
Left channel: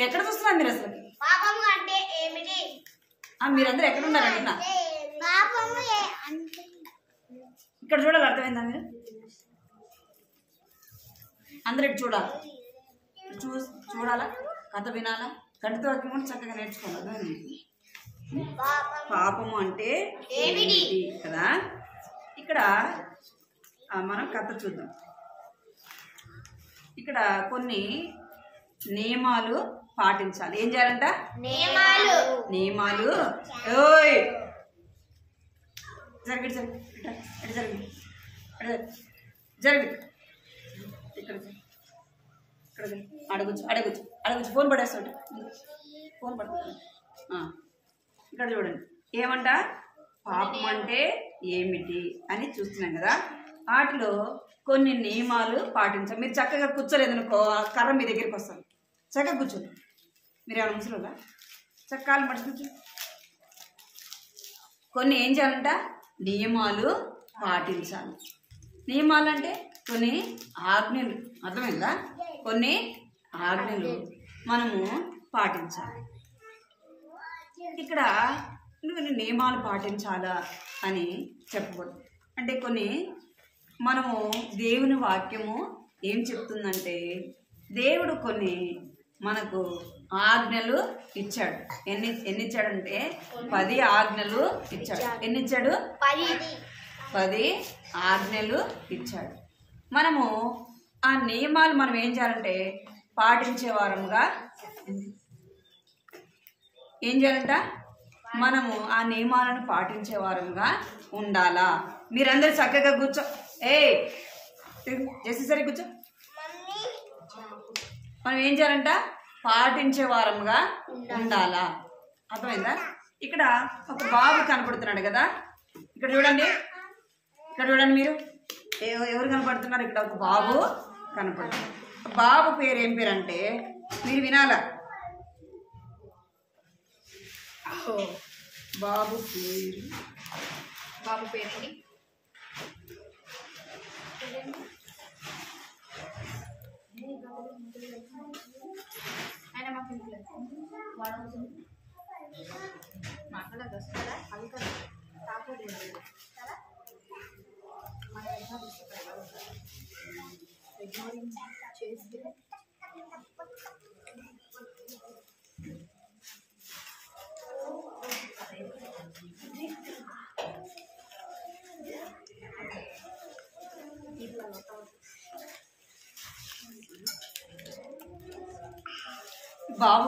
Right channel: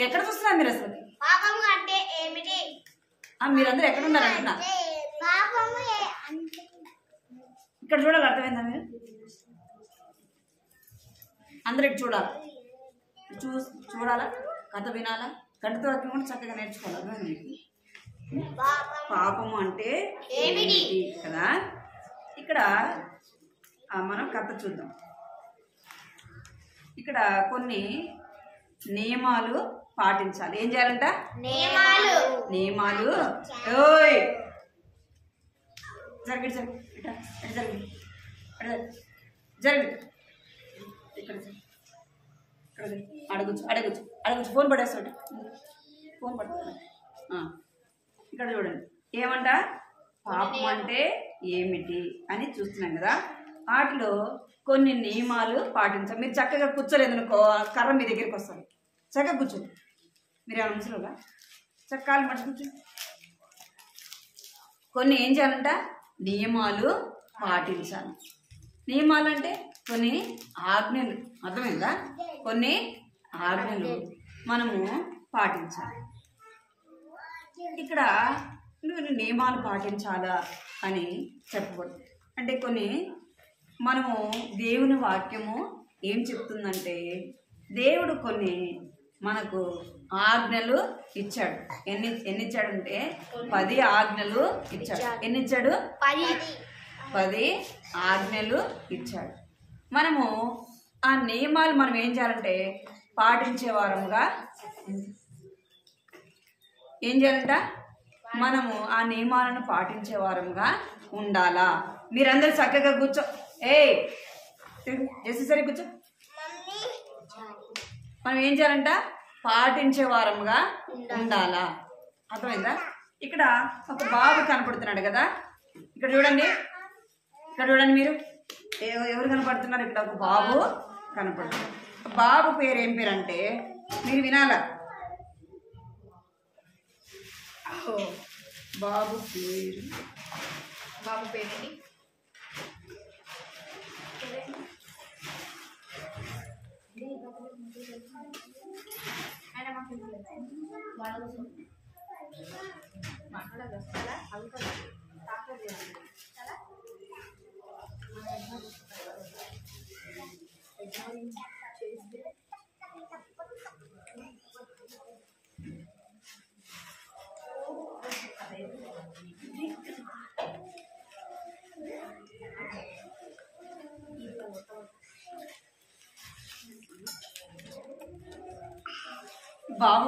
ఎక్కడ చూస్తున్నారు మీరు అసలు? మీరందరూ ఎక్కడ ఉన్నారు అంటున్నా. ఇక్కడ చూడాలి, అర్థమైందా? మీరు అందరు ఇటు చూడాలి. చూడాలా, కథ వినాలా, కంటితో వాక్యం కూడా చక్కగా నేర్చుకోవాలి. అర్థమైంది? పాపము అంటే ఏమిటి కదా. ఇక్కడ మనం కథ చూద్దాం. ఇక్కడ కొన్ని నియమాలు పాటించాలి. ఏం చేయాలంట? నియమాలు. ఓయ్ జరిగి ఇక్కడ అడగచ్చు ఫోన్ పడేస్తాడు. ఫోన్ పడుతుంది. ఇక్కడ చూడండి ఏమంట, పాపం అంటే ఏమిటి అని చూస్తున్నాం కదా. వాటిలో కొన్ని నియమాలు పాటించాలి. మీరు చక్కగా కూర్చోలేదు అనుకో, కర్ర మీ దగ్గరికి వస్తాను. చక్కగా కూర్చోండి. మీరు ఏమైనా ముసలిగా చక్కాలు మడిచి కూర్చోండి. కొన్ని ఏం చేయాలంట, నియమాలు పాటించాలి. నియమాలు అంటే కొన్ని ఆజ్ఞలు. అర్థమైందా? కొన్ని ఆజ్ఞలు మనము పాటించాలి. ఇక్కడ కొన్ని నియమాలు పాటించాలా అని చెప్పకూడదు. అంటే కొన్ని మనము దేవుని వాక్యము ఏం చెప్తుందంటే, దేవుడు కొన్ని మనకు ఆజ్ఞలు ఇచ్చాడు. ఎన్ని ఇచ్చాడంటే 10 ఆజ్ఞలు ఇచ్చాడు. ఎన్ని ఇచ్చాడు? 10 ఆజ్ఞలు ఇచ్చాడు. మనము ఆ నియమాలు మనం ఏం చేయాలంటే పాటించే వారముగా ఏం చేయాలంట, మనము ఆ నియమాలను పాటించే వారముగా ఉండాలా. మీరందరూ చక్కగా కూర్చో. చేసేసరి కూర్చో. మనం ఏం చేయాలంట, పాటించే వారముగా ఉండాలా. అర్థమైందా? ఇక్కడ ఒక బాబు కనపడుతున్నాడు కదా. ఇక్కడ చూడండి మీరు ఎవరు కనపడుతున్నారు? ఇక్కడ ఒక బాబు కనపడుతున్నారు. బాబు పేరు ఏం పేరు అంటే మీరు వినాలా. బాబు పేరు బాబు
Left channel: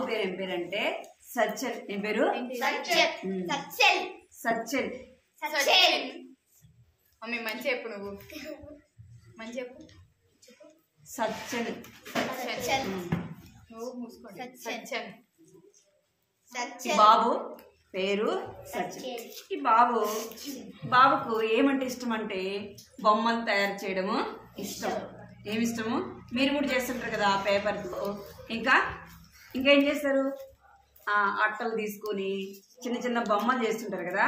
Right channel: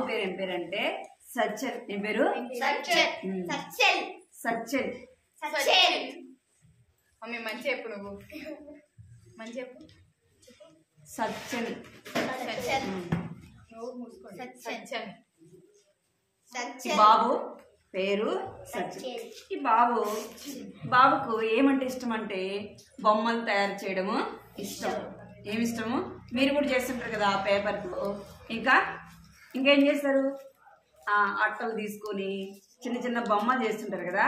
పేరు ఏం పేరు అంటే సచ్చల్. ఏం పేరు? సచ్చల్. మంచి చెప్పు. నువ్వు మంచి చెప్పు. సచ్చల్. బాబు పేరు సచిన్. ఈ బాబుకు ఏమంటే ఇష్టం అంటే బొమ్మలు తయారు చేయడము ఇష్టం. ఏమి ఇష్టము? మీరు కూడా చేస్తుంటారు కదా ఆ పేపర్తో. ఇంకేం చేస్తారు? అట్టలు తీసుకొని చిన్న చిన్న బొమ్మలు చేస్తుంటారు కదా.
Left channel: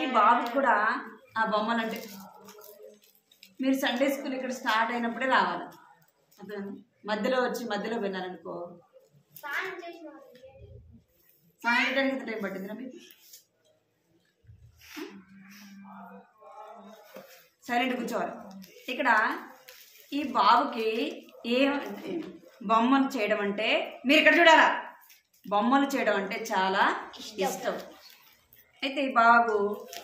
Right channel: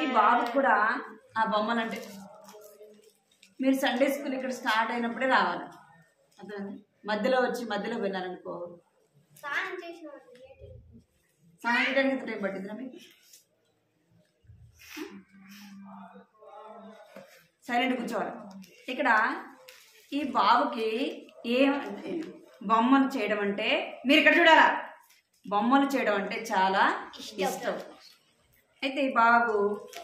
ఈ బాబుకు కూడా ఆ బొమ్మలు అంటే మీరు సండే స్కూల్ ఇక్కడ స్టార్ట్ అయినప్పుడే రావాలి. అర్థం మధ్యలో విన్నారనుకో స్నానం చేయడానికి ఎంత టైం పట్టిందిరా మీకు? సైలెంట్ కూర్చోవాలి. ఇక్కడ ఈ బాబుకి బొమ్మలు చేయడం అంటే మీరు ఇక్కడ చూడాలా, బొమ్మలు చేయడం అంటే చాలా ఇష్టం. అయితే ఈ బాబు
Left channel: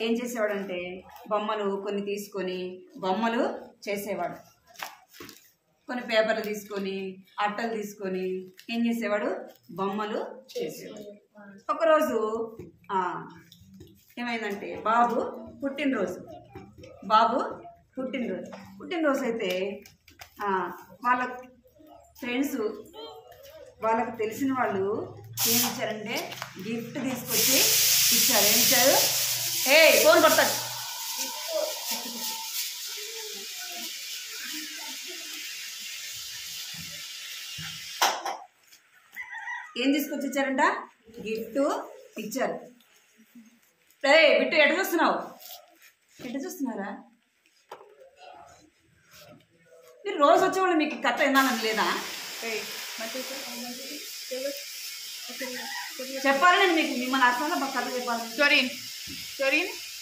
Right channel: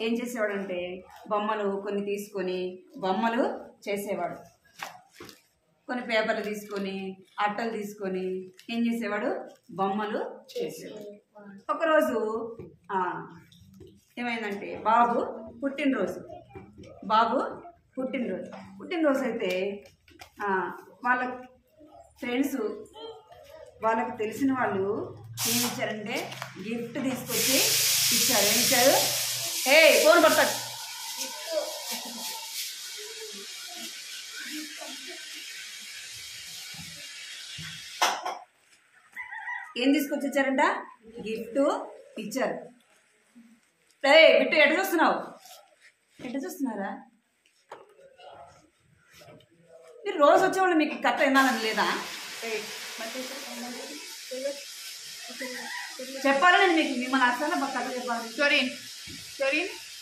ఏం చేసేవాడంటే బొమ్మలు కొన్ని తీసుకొని బొమ్మలు చేసేవాడు. కొన్ని పేపర్లు తీసుకొని అట్టలు తీసుకొని ఏం చేసేవాడు? బొమ్మలు చేసేవాడు. ఒకరోజు ఏమైందంటే బాబు పుట్టినరోజు అయితే వాళ్ళ ఫ్రెండ్స్ వాళ్ళకు తెలిసిన వాళ్ళు ఏమి ఇచ్చారంటే గిఫ్ట్ తీసుకొచ్చి ఇచ్చారు. ఏమిచ్చారు? ఫోన్ పడతాడు. ఏం తీసుకొచ్చి ఇచ్చారంట? గిఫ్ట్ ఇచ్చారు. బిట్టు ఎట చూస్తున్నారా? మీరు రోజు వచ్చేవాళ్ళు మీకు కథ వినాలని లేదా? చెప్పాలి నేను మీకు మిమ్మల్ని అసలు కథ చెప్పాలి. స్టోరీ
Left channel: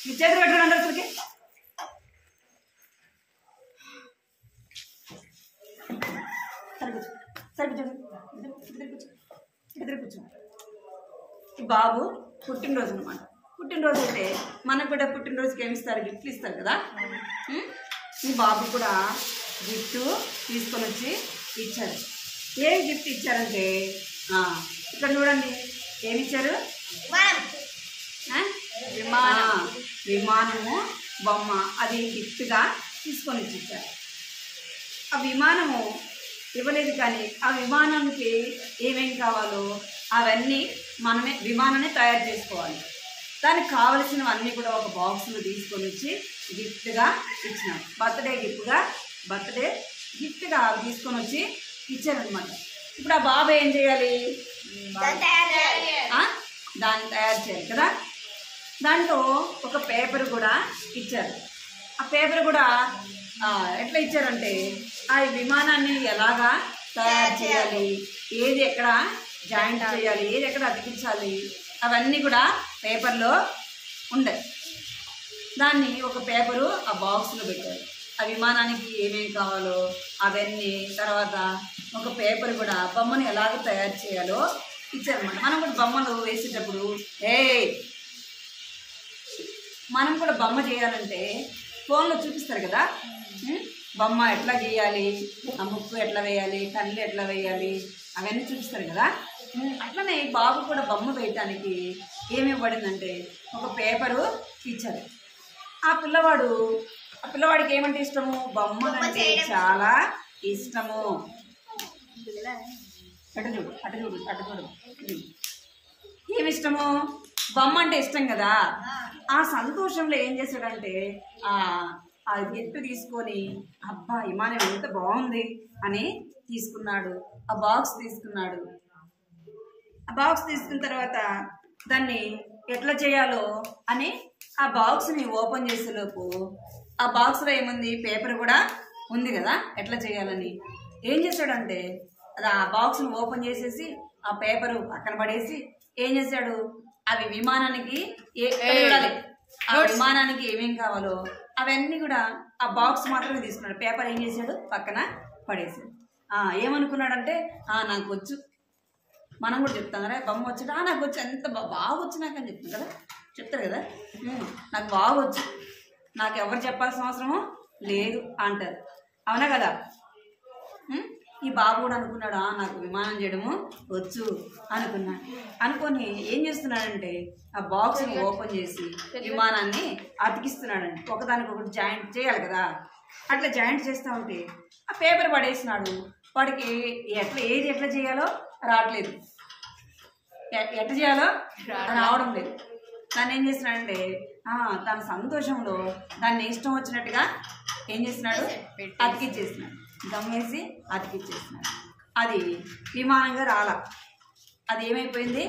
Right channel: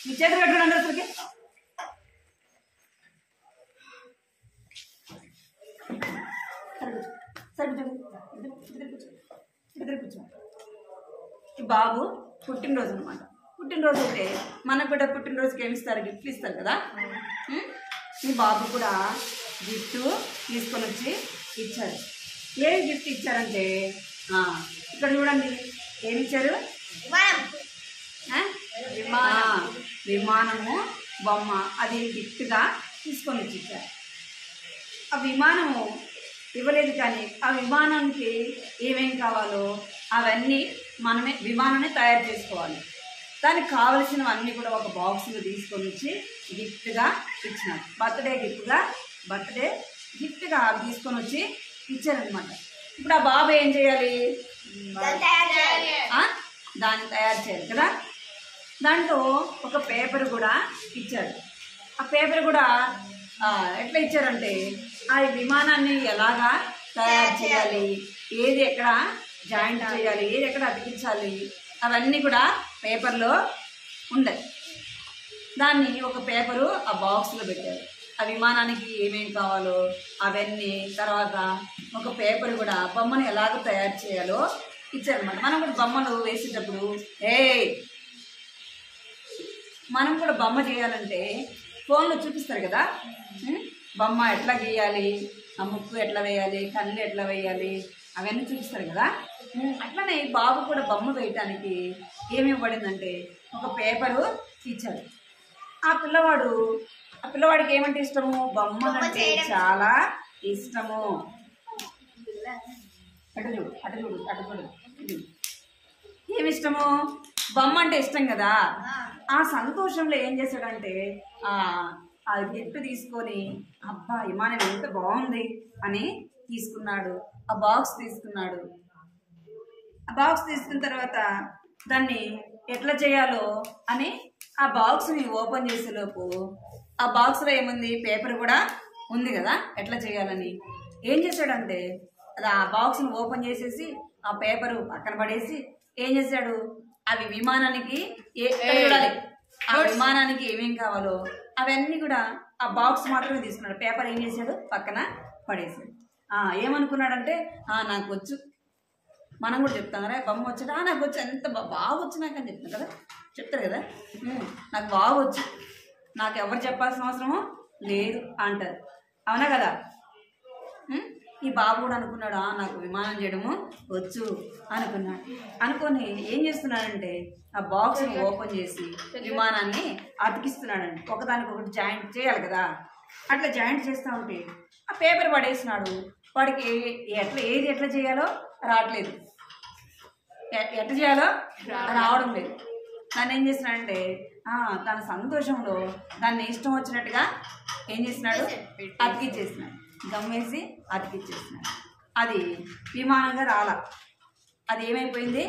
మీ చేతులు కట్టుకోండి అందరు అసలుకి. కూర్చో. ఈ బాబు పుట్టినరోజు అనమాట. పుట్టినరోజు అయితే మనకు కూడా పుట్టినరోజుకి ఏమి ఇస్తారు? గిఫ్ట్లు ఇస్తారు కదా. ఈ బాబు కూడా గిఫ్ట్ తీసుకొని వచ్చి ఇచ్చారు. ఏం గిఫ్ట్ ఇచ్చారంటే ఇక్కడ చూడండి ఏమి ఇచ్చారు? విమానము బొమ్మ. అది గిఫ్ట్గా తీసుకొని వచ్చి ఇచ్చారు. ఆ విమానము ఇవ్వలేదు కానీ ఆ విమానానికి ఏమేమి కావాలో అవన్నీ మనమే విమానాన్ని తయారు చేసుకోవాలి. దానికి కావలసినవన్నీ కూడా ఒక బాక్స్లో తీసుకొని వచ్చి గిఫ్ట్గా ఇచ్చినాడు. బర్త్డే గిఫ్ట్గా తీసుకొని వచ్చి ఇచ్చారనమాట. ఇప్పుడు ఆ బాబు ఏం చేయాలి? దాన్ని తయారు చేయాలి కదా. దాంట్లో ఒక పేపర్ కూడా ఇచ్చారు. ఆ పేపర్ కూడా ఎట్లా ఇచ్చారంటే ఆ విమానాన్ని ఎలాగా తయారు చేయాలి, ఏది ఎక్కడ జాయింట్ చేయాలి, ఏది ఎక్కడ అతికించాలి, అవన్నీ కూడా పేపర్లో ఉండే. దాన్ని ఒక పేపరు ఆ బాక్స్లో పెట్టారు. ఆ విమానానికి ఏమేమి కావాలో అవన్నీ, తర్వాత ఒక పేపర్ కూడా బొమ్మను ఎలాగ తయారు చేయాలో ఇచ్చారనమాట. మనం కూడా బొమ్మలు వేసేటప్పుడు మనం కూడా బొమ్మ చేయాలంటే ఫోన్లో చూపిస్తారు కదా, బొమ్మ ఎట్లా గీయాలి, ఆ ముక్కు ఎట్లా వేయాలి, కళ్ళు ఎట్లా వేయాలి, అవన్నీ చూపిస్తారు కదా. అట్లనే బాబు కూడా బొమ్మ వేయటానికి ఏమి ఇవ్వబడిందంటే ఒక పేపరు ఇచ్చారు. ఆ పిల్లవాడికి ఏమంటే ఇష్టము? బొమ్మలంటే చాలా ఇష్టము. అటు చూడు. ఏమి ఇష్టము? బొమ్మ అంటే ఇష్టం కదా. ఆ సంతోషంలో ఏం చేశాడంటే ఆ గిఫ్ట్ తీసుకొని అబ్బా విమానం ఎంత బాగుంది అని తీసుకున్నాడు. ఆ బాక్స్ తీసుకున్నాడు. ఆ బాక్స్ తీసుకున్న తర్వాత దాన్ని ఎట్లా చేయాలో అని ఆ బాక్స్ని ఓపెన్ చేసేలోపు ఆ బాక్స్లో ఏముంది? పేపర్ కూడా ఉంది కదా ఎట్లా చేయాలని. ఏం చేశాడంటే అది ఆ బాక్స్ని ఓపెన్ చేసేసి ఆ పేపరు పక్కన పడేసి ఏం చేశాడు? అవి విమానానికి చూడాలి, ఆ విమానానికి ఏమేం కావాలో అవన్నీ కూడా ఆ బాక్స్ మాత్రమే తీసుకున్నాడు. పేపర్ ఏం చేశాడు? పక్కన పడేసాడు. ఏమనుకున్నాడంటే నాకు వచ్చు. మనం కూడా చెప్తాం కదా, బొమ్మ వచ్చాడు, నాకు వచ్చు, ఎంత బాగా వచ్చు నాకు అని చెప్తాం కదా, చెప్తారు కదా, నాకు బాగా వచ్చు, నాకు ఎవరు చెప్పాల్సిన అవసరము లేదు అంటారు. అవునా కదా? ఈ బాబు కూడా అనుకున్నాడు నాకు విమానం చేయడము వచ్చు అనుకొని ఏం చేస్తున్నాడంటే ఆ బాక్స్ని ఓపెన్ చేసి విమానాన్ని అతికిస్తున్నాడండి. ఒకదానికొకటి జాయింట్ చేయాలి కదా. అట్లా జాయింట్ చేస్తూ ఉంటే ఆ పేపర్ పడేసినాడు. వాడికి ఎట్లా చేయాలో రావట్లేదు, ఎట్లా చేయాలో రావడం లేదు. తను ఏం చేస్తున్నాడంటే తన సంతోషంలో దాన్ని ఇష్టం వచ్చినట్టుగా ఏం చేస్తున్నాడు, అతికిచ్చేస్తున్నాడు. గమ్మేసి అతికిచ్చేస్తున్నాడు. అది విమానంగా రాలా, అది ఏమైపోయింది,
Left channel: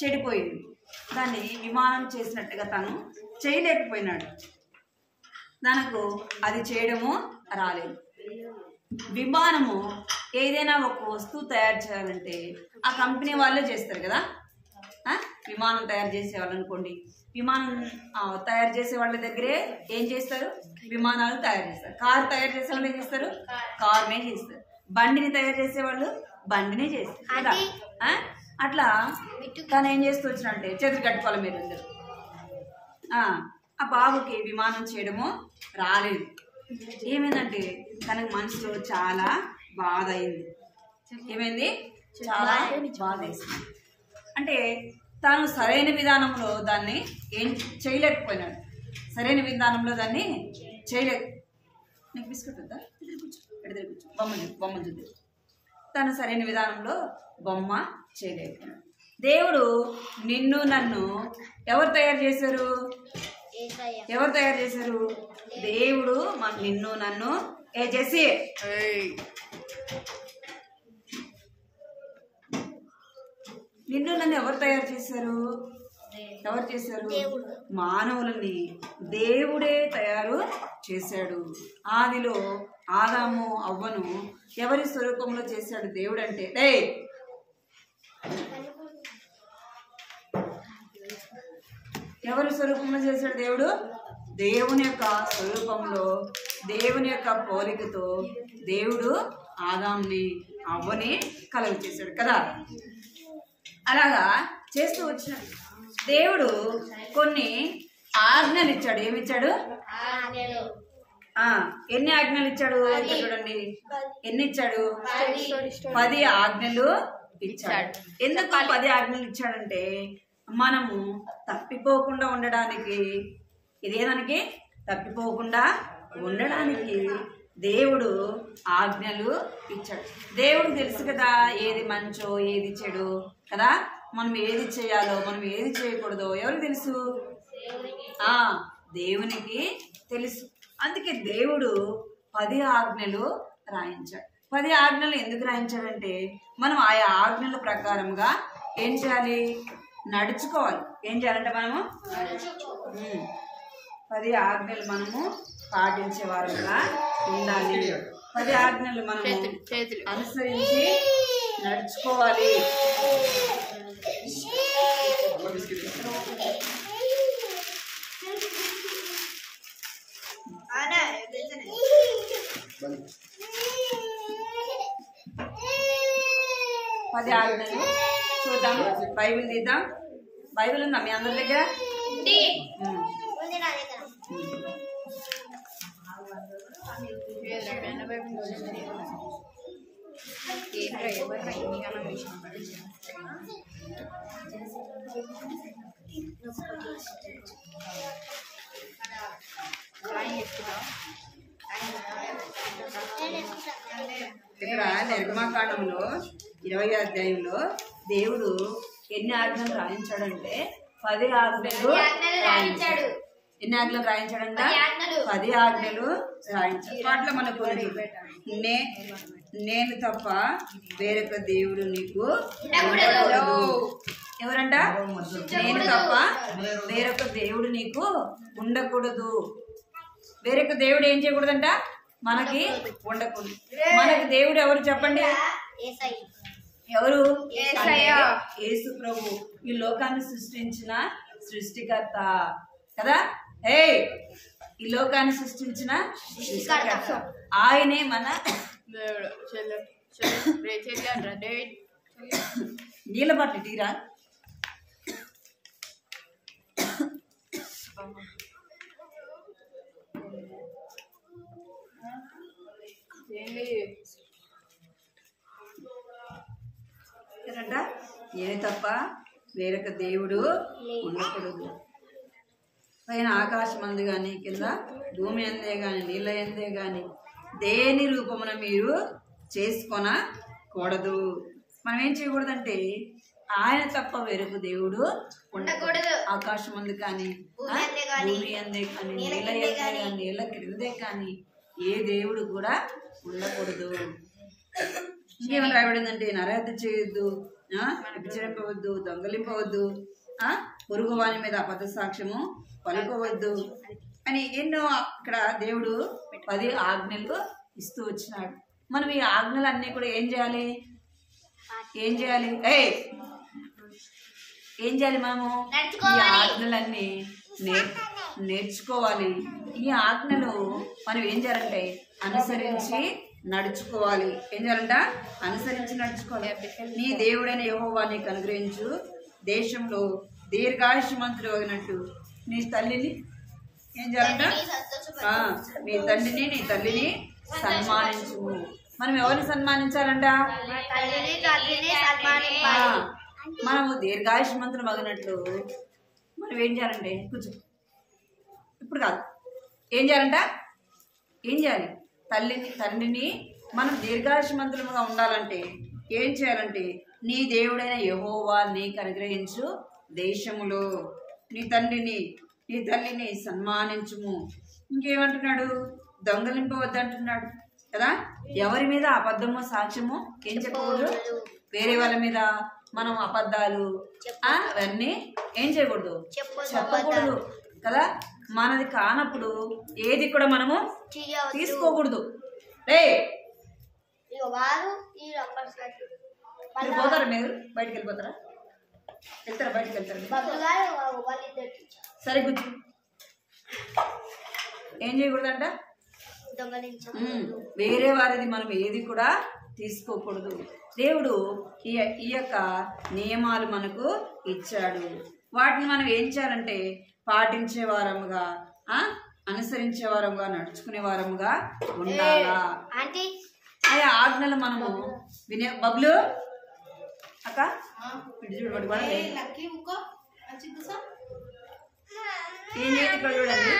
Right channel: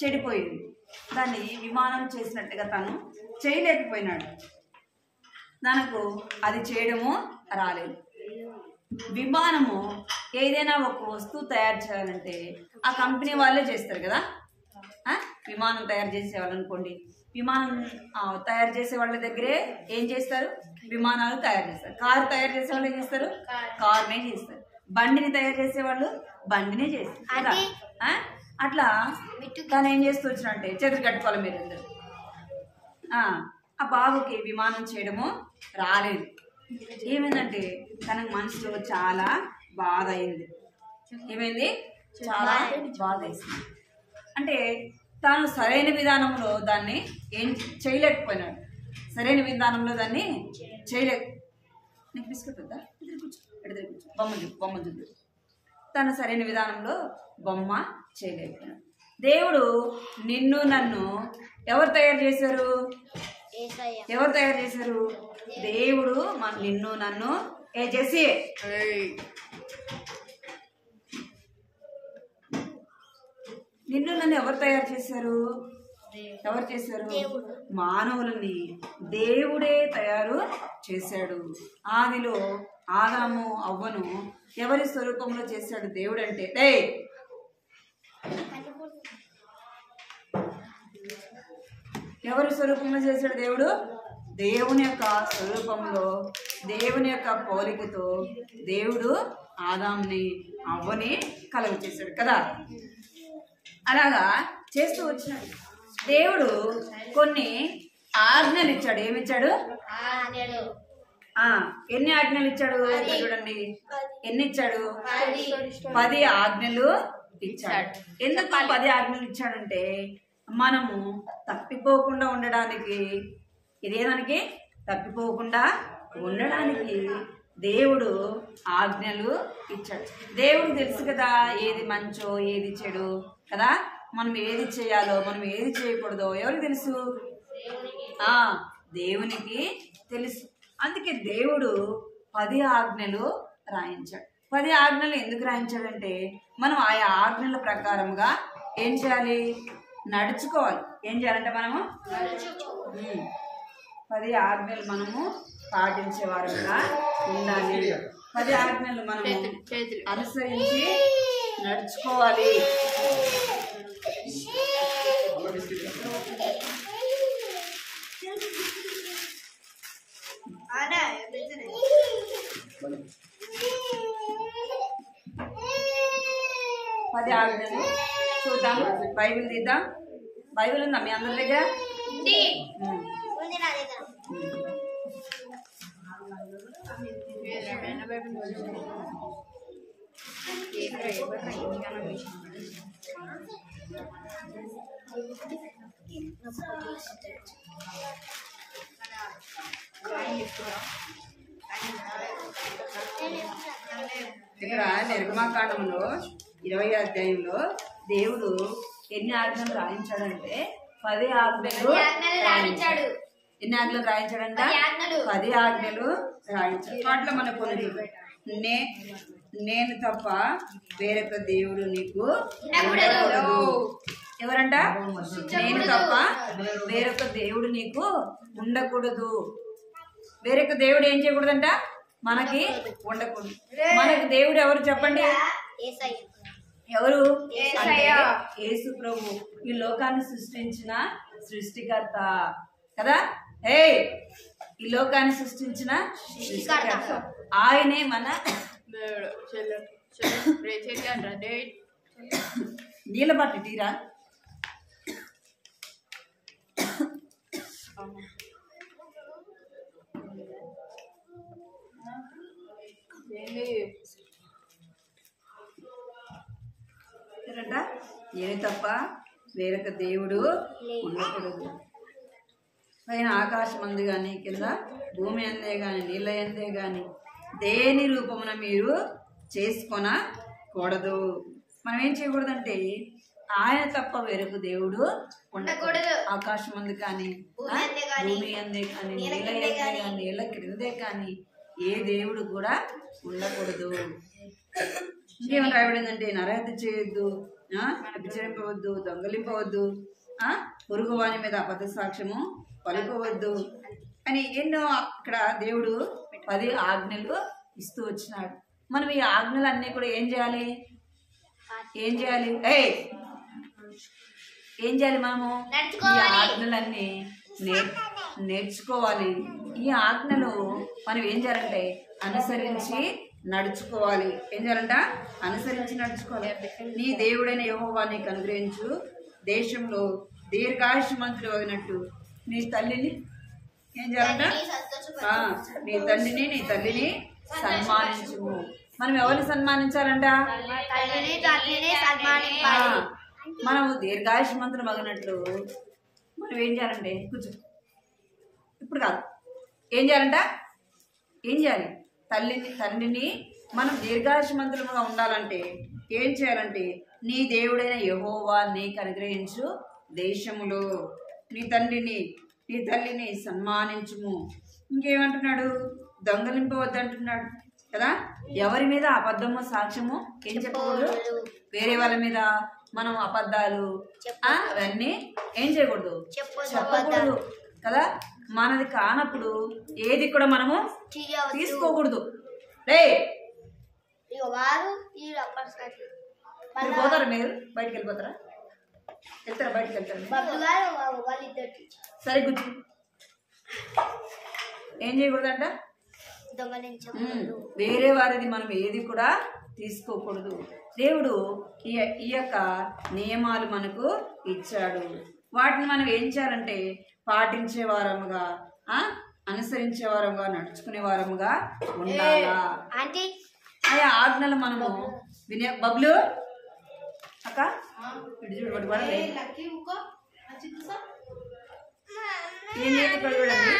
చెడిపోయింది. దాన్ని విమానం చేసినట్టుగా తను చేయలేకపోయినాడు. తనకు అది చేయడము రాలేదు. విమానము ఏదైనా ఒక వస్తువు తయారు చేయాలంటే ఆ కంపెనీ వాళ్ళే చేస్తారు కదా. విమానం తయారు చేసేవాళ్ళు అనుకోండి, విమానం తయారు చేసే వాళ్ళ దగ్గరే ఏం చేస్తారు, విమానాలు తయారు చేస్తారు. కారు తయారు చేసే వాళ్ళు ఏం చేస్తారు, కారునే చేస్తారు. బండిని తయారు చేసేవాళ్ళు బండినే చేస్తారు కదా. అట్లా తను ఏం చేస్తూ వచ్చినంటే చేతులు కట్టుకోవాలి మీరు అందరు. ఆ బాబుకి విమానం చేయడము రాలేదు. ఏమైందంటే తనకు మనసులో చాలా బాధ అయింది. ఏమైంది, చాలా బాధ వేసింది. అంటే తాను సరైన విధానంలో దాన్ని ఏం చేయలేకపోయినాడు. సరైన విధానంలో దాన్ని చేయలేక, నీకు బిస్కెట్ వద్దా, ఎదురు కూర్చో, ఎదురు కూర్చో, బొమ్మలు చూద్దు. తను సరైన విధానంలో బొమ్మ చేయలేకపోయినాడు. దేవుడు నిన్ను నన్ను ఎవరు తయారు చేశారు, ఎవరు తయారు చేశారు, దేవుడు నిన్ను నన్ను చేసి నిన్ను నన్ను ఎవరు తయారు చేశారు, ఎవరు చేశారు, మానవులని దేవుడే తయారు చేశాడు. ఆదిలో ఆదాము అవ్వను ఎవరి స్వరూపంలో చేశాడు దేవుడు అంటే, ఎవరి స్వరూపంలో చేశాడు దేవుడు, దేవుని యొక్క స్వరూపంలో దేవుని యొక్క పోలికతో దేవుడు ఆదాముని అవ్వని కలుగ చేశాడు కదా. అలాగా చేస్తూ వచ్చినాడు. దేవుడు కొన్ని ఆజ్ఞలు ఇచ్చాడు. ఏమిచ్చాడు, ఎన్ని ఆజ్ఞలు ఇచ్చాడు చూడండి, ఎన్ని ఇచ్చాడు, 10 ఆజ్ఞలు ఇచ్చాడు. ఎందుకు 10 ఆజ్ఞలు ఇచ్చాడంటే మనము తప్పిపోకుండా ఉండడానికి, ఇదేదానికి తప్పిపోకుండా ఉండడానికి దేవుడు ఆజ్ఞలు ఇచ్చాడు. దేవుడు తెలుసు కదా ఏది మంచో ఏది చెడు కదా. మనం ఏది చేయాలో మనం ఏది చేయకూడదో ఎవరికి తెలుసు, దేవునికి తెలుసు. అందుకే దేవుడు 10 ఆజ్ఞలు రాయించాడు. 10 ఆజ్ఞలు ఎందుకు రాయించాడంటే మనం ఆయా ఆజ్ఞల ప్రకారంగా ఏం చేయాలి, నడుచుకోవాలి. ఏం చేయాలంటే మనము 10 ఆజ్ఞలు మనము పాటించే వారుగా ఉండాలి. 10 ఆజ్ఞలు మనము అనుసరించి నడుచుకోవాలి. పది ఆజ్ఞలు చూద్దాం. బైబిల్ తీద్దాం. బైబిల్ ఉందా మీ అందరి దగ్గర? ఇక్కడ నిర్గమాకాండంలో 20వ అధ్యాయంలో దేవుడు ఎన్ని ఆజ్ఞలు రాయించాడంటే 10 ఆజ్ఞలు రాయించాడు. ఎన్ని ఆజ్ఞలు రాయించాడంట? 10 ఆజ్ఞలు రాయించాడు. వాటిలో మన కొన్ని నేను తప్ప వేరొక దేవుడు నీకు ఉండకూడదు. ఎవరంట? నేను తప్ప వేరొక దేవుడు నీకు ఉండకూడదు. వేరొక దేవుడు ఏం చేయకూడదంట? మనకి ఉండకూడదు. మనకి దేవుడు ఎవరు చెప్పండి? ఎవరు అంటే యేసు ప్రభు, ఈ లోకాన్ని సృష్టించిన సృష్టికర్త కదా. ఈ లోకాన్ని సృష్టించిన సృష్టికర్త ఆయనే మన నీళ్ళ పట్టు తీరా. ఏంటంట? నేను తప్ప వేరొక దేవుడు ఉండకూడదు. పైన ఆకాశం అందు కానీ కింద భూమి అందే కానీ నీళ్ళ అందే కానీ దేని రూపమున మీరు చేసుకొనకూడదు. మనం ఏం చేయకూడదంటే ఆయన తప్ప వేరొక దేవుడు ఉండకూడదు. ఆకాశం అందు కానీ భూమి అందే కానీ నేల క్రిందే కానీ ఏ దేవుడు కూడా ఉండకూడదు. ఇంకేమైనా రాయబడిందంటే నరహత్య చేయొద్దు, వ్యభిచరింపవద్దు, దొంగలింపవద్దు, పొరుగు వాని మీద అబద్ధ సాక్ష్యము పలుకోవద్దు అని ఎన్నో ఇక్కడ దేవుడు 10 ఆజ్ఞలు ఇస్తూ వచ్చినాడు. మనం ఈ ఆజ్ఞలన్నీ కూడా ఏం చేయాలి? ఏం చేయాలి మనము? ఈ ఆజ్ఞలన్నీ నేర్చుకోవాలి. ఈ ఆజ్ఞలు మనం ఏం చేయాలంటే అనుసరించి నడుచుకోవాలి. ఏం చేయాలంట? అనుసరించి నడుచుకోవాలి. నీ దేవుడైన యెహోవా నీకు అనుగ్రహించు దేశంలో దీర్ఘాయుష్మంతుడు అయినట్టు నీ తల్లిని ఏం చేయాలంట? నీ తండ్రిని నీ తల్లిని సన్మానించుము. మనం ఎవరిని సన్మానించాలంట? మనము దీర్ఘాయుష్మంతుడు మగినట్లు మనం ఏం చేయాలంటే కూర్చో, ఇప్పుడు కాదు, ఏం చేయాలంట? ఏం చేయాలి? తండ్రిని మనం దీర్ఘాయుష్మంతులుగా ఉండాలంటే ఏం చేయాలంటే నీ దేవుడైన యెహోవా నీకు అనుగ్రహించు దేశములో నీ తండ్రిని నీ తల్లిని సన్మానించుము. ఇంకేమంటున్నాడు? దొంగలింపవద్దంటున్నాడు కదా. ఎవరి మీద అబద్ధము సాక్ష్యము ఏం చెప్పకూడదు? వేరే వాళ్ళ మీద మనం అబద్ధాలు అవన్నీ ఏం చేయకూడదు, చెప్పకూడదు కదా. మనది కానప్పుడు ఏది కూడా మనము తీసుకోకూడదు. మీరు పోతారా? మీరు బయటకు వెళ్ళిపోతారా? వెళ్తారా? బయటకు వెళ్తారా? సరే కూర్చో. ఏం చేయకూడదంట? వేరే వారిది మనం ఏది కూడా తీసుకోకూడదు. దేవుడు ఈ యొక్క నియమాలు మనకు ఇచ్చాడు. వాటిని మనం ఏం చేయాలంటే పాటించే వారముగా, అనుసరించే వారముగా, నడుచుకునే వారముగా ఉండాలా. ఆయా ఆజ్ఞలు మనము వినే బబ్లు అక్క చూడబడి కూడా ఏం చేయండి. ఇక్కడ చూడండి,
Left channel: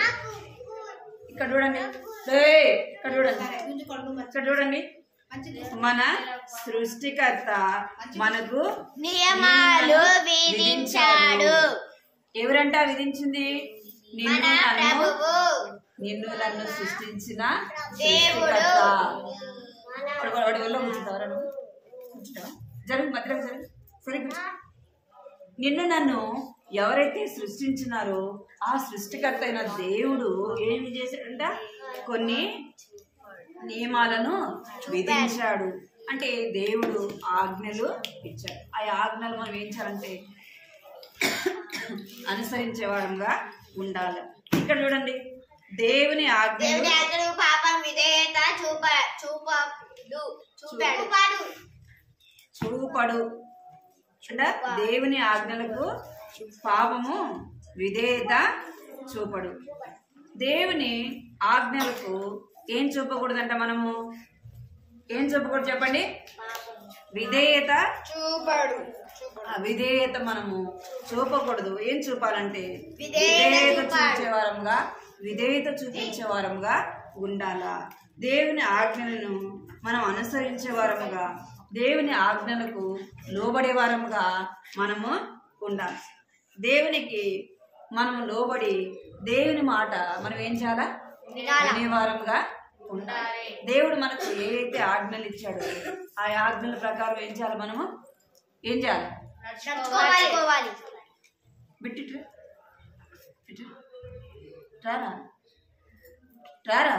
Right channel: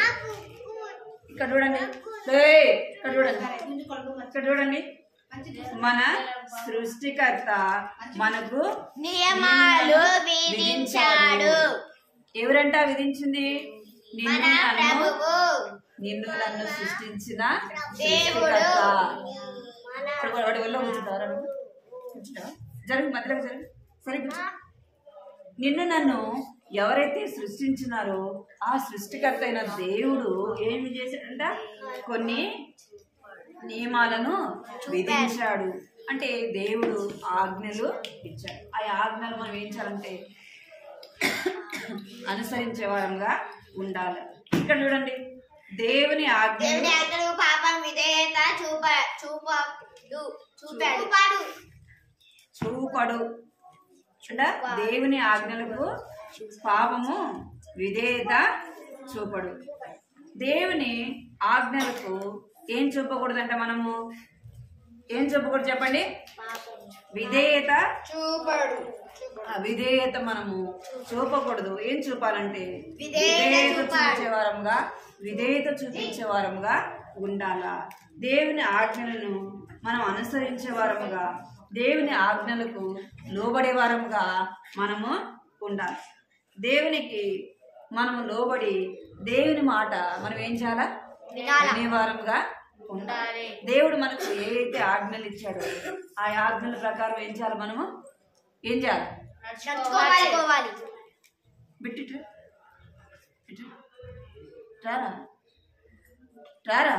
ఇక్కడ చూడండి, ఇక్కడ చూడండి, ఇక్కడ చూడండి. మన సృష్టికర్త మనకు నియమాలు విధించాడు. ఎవరంట విధించింది? నిన్ను నన్ను సృష్టించిన సృష్టికర్త. వాడి వల్ల కూర్చుంటావా? కూర్చుంటావా? జరుగు, మధ్యలోకి జరుగు. సరే కూర్చో. నిన్ను నన్ను ఎవరైతే సృష్టించినారో ఆ సృష్టికర్త అయిన దేవుడు ఏమి చేశాడంట? కొన్ని నియమాలను విధించాడు. అంటే దేవుడు ఆజ్ఞలు ఇచ్చాడు. ఆ ఆజ్ఞలు మనం ఏం చేయాలంటే అనుసరించే వారంగా ఉండాలి. ఇక్కడ చూడండి, దేవుని ఆజ్ఞలు పాపం విధేయత చూపడు అంటే దేవుని ఆజ్ఞలకు పాపము విధేయత చూపడు. దేవుని ఆజ్ఞలకు ఏం చూపకూడదంట? మనము ఏం చూపకూడదు చెప్పండి? విధేయత చూపడు. విధేయత మనము చూపకూడదు. ఏం చూపాలంటే విధేయత చూపించేవారంగా, విధేయత చూపించేవారంగా ఉండాలా. దేవుని ఆజ్ఞలను మనం అనుసరించే వారముగా, దేవుని ఆజ్ఞలకు లోబడే వారముగా మనము ఉండాలి. దేవునికి మనము లోబడి దేవుని మాట మనం ఏం చేయాలా? వినేవారంగా ఉండాలి. దేవుడు మనకు ఏదైతే ఆజ్ఞలు ఇచ్చాడో ఆ ఆజ్ఞల ప్రకారం ఏం చేయాలి? మనము ఏం చేయాలి? బిట్టు రారా రారా.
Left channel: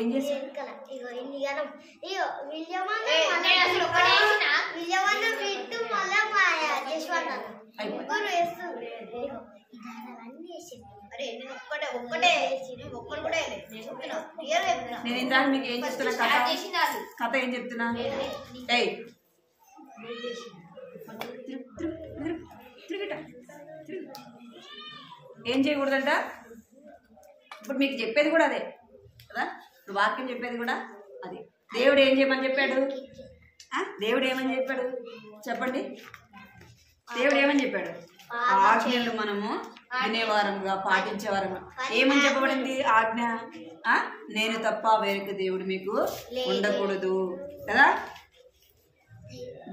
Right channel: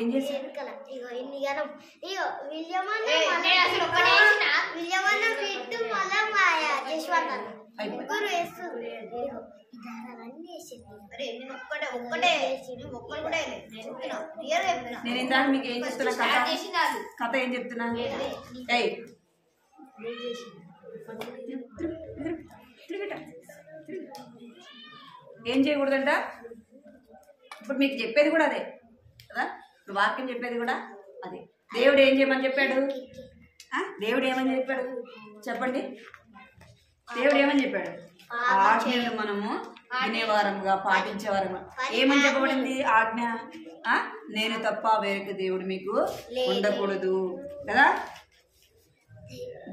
ఏం చేశారు? నేను ఇందాక మీకు ఏం చెప్తున్నా? కథ ఏం చెప్తున్నా? ఏం చేయకూడదంట? ఇప్పుడు మీకు చెప్పేది కూడా అదే కదా. ఇప్పుడు వాక్యం చెప్పేది కూడా అదే. దేవుడు ఏం చేయమని చెప్పాడు? దేవుడు ఏమని చెప్పాడు చెప్పండి? దేవుడు ఏమని చెప్పాడు? ఆజ్ఞలు మనము వినేవారముగా పాటించేవారముగా. ఏమని చెప్పబడింది ఆజ్ఞ? నేను తప్ప వేరొక దేవుడు మీకు ఉండకూడదు కదా.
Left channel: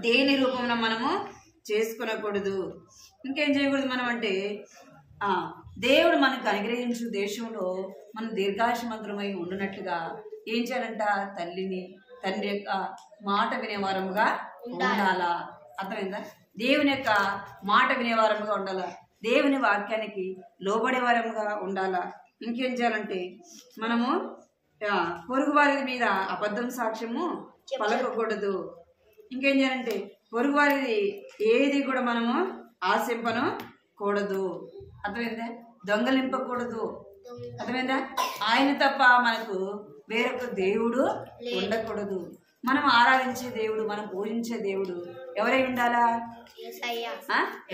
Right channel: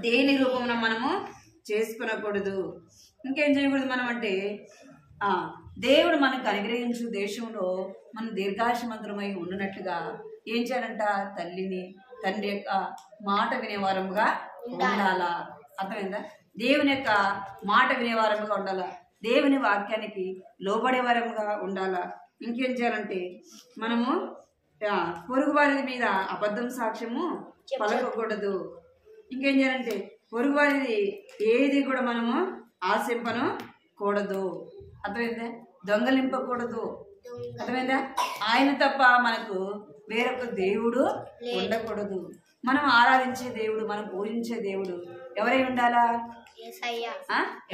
దేని రూపమున మనము చేసుకునకూడదు. ఇంకేం చేయకూడదు మనం అంటే దేవుడు మనకు అనుగ్రహించు దేశంలో మనం దీర్ఘాయుష్మంతులమై ఉండినట్లుగా ఏం చేయాలంట? తల్లిని తండ్రి యొక్క మాట వినేవారముగా ఉండాలా. అర్థమైందా? దేవుని యొక్క మాట వినేవారముగా ఉండాలా. దేవుని వాక్యానికి లోబడేవారముగా ఉండాలా. ఇంకేం చేయాలంటే మనము పొరుగు వారి మీద అబద్ధం సాక్ష్యము పలకకూడదు. ఇంకేం చేయాలంటే పొరుగు వారిది ఏది కూడా మనము ఆశింపను కూడదు. అర్థమైందా? దొంగలింపకూడదు. అర్థమైందా? ఆయన తప్ప మనకు వేరొక దేవుడు ఉండకూడదు. మనం ఆరాధించే దేవుడు, మనం పూజించే దేవుడు ఎవరై ఉండాలా?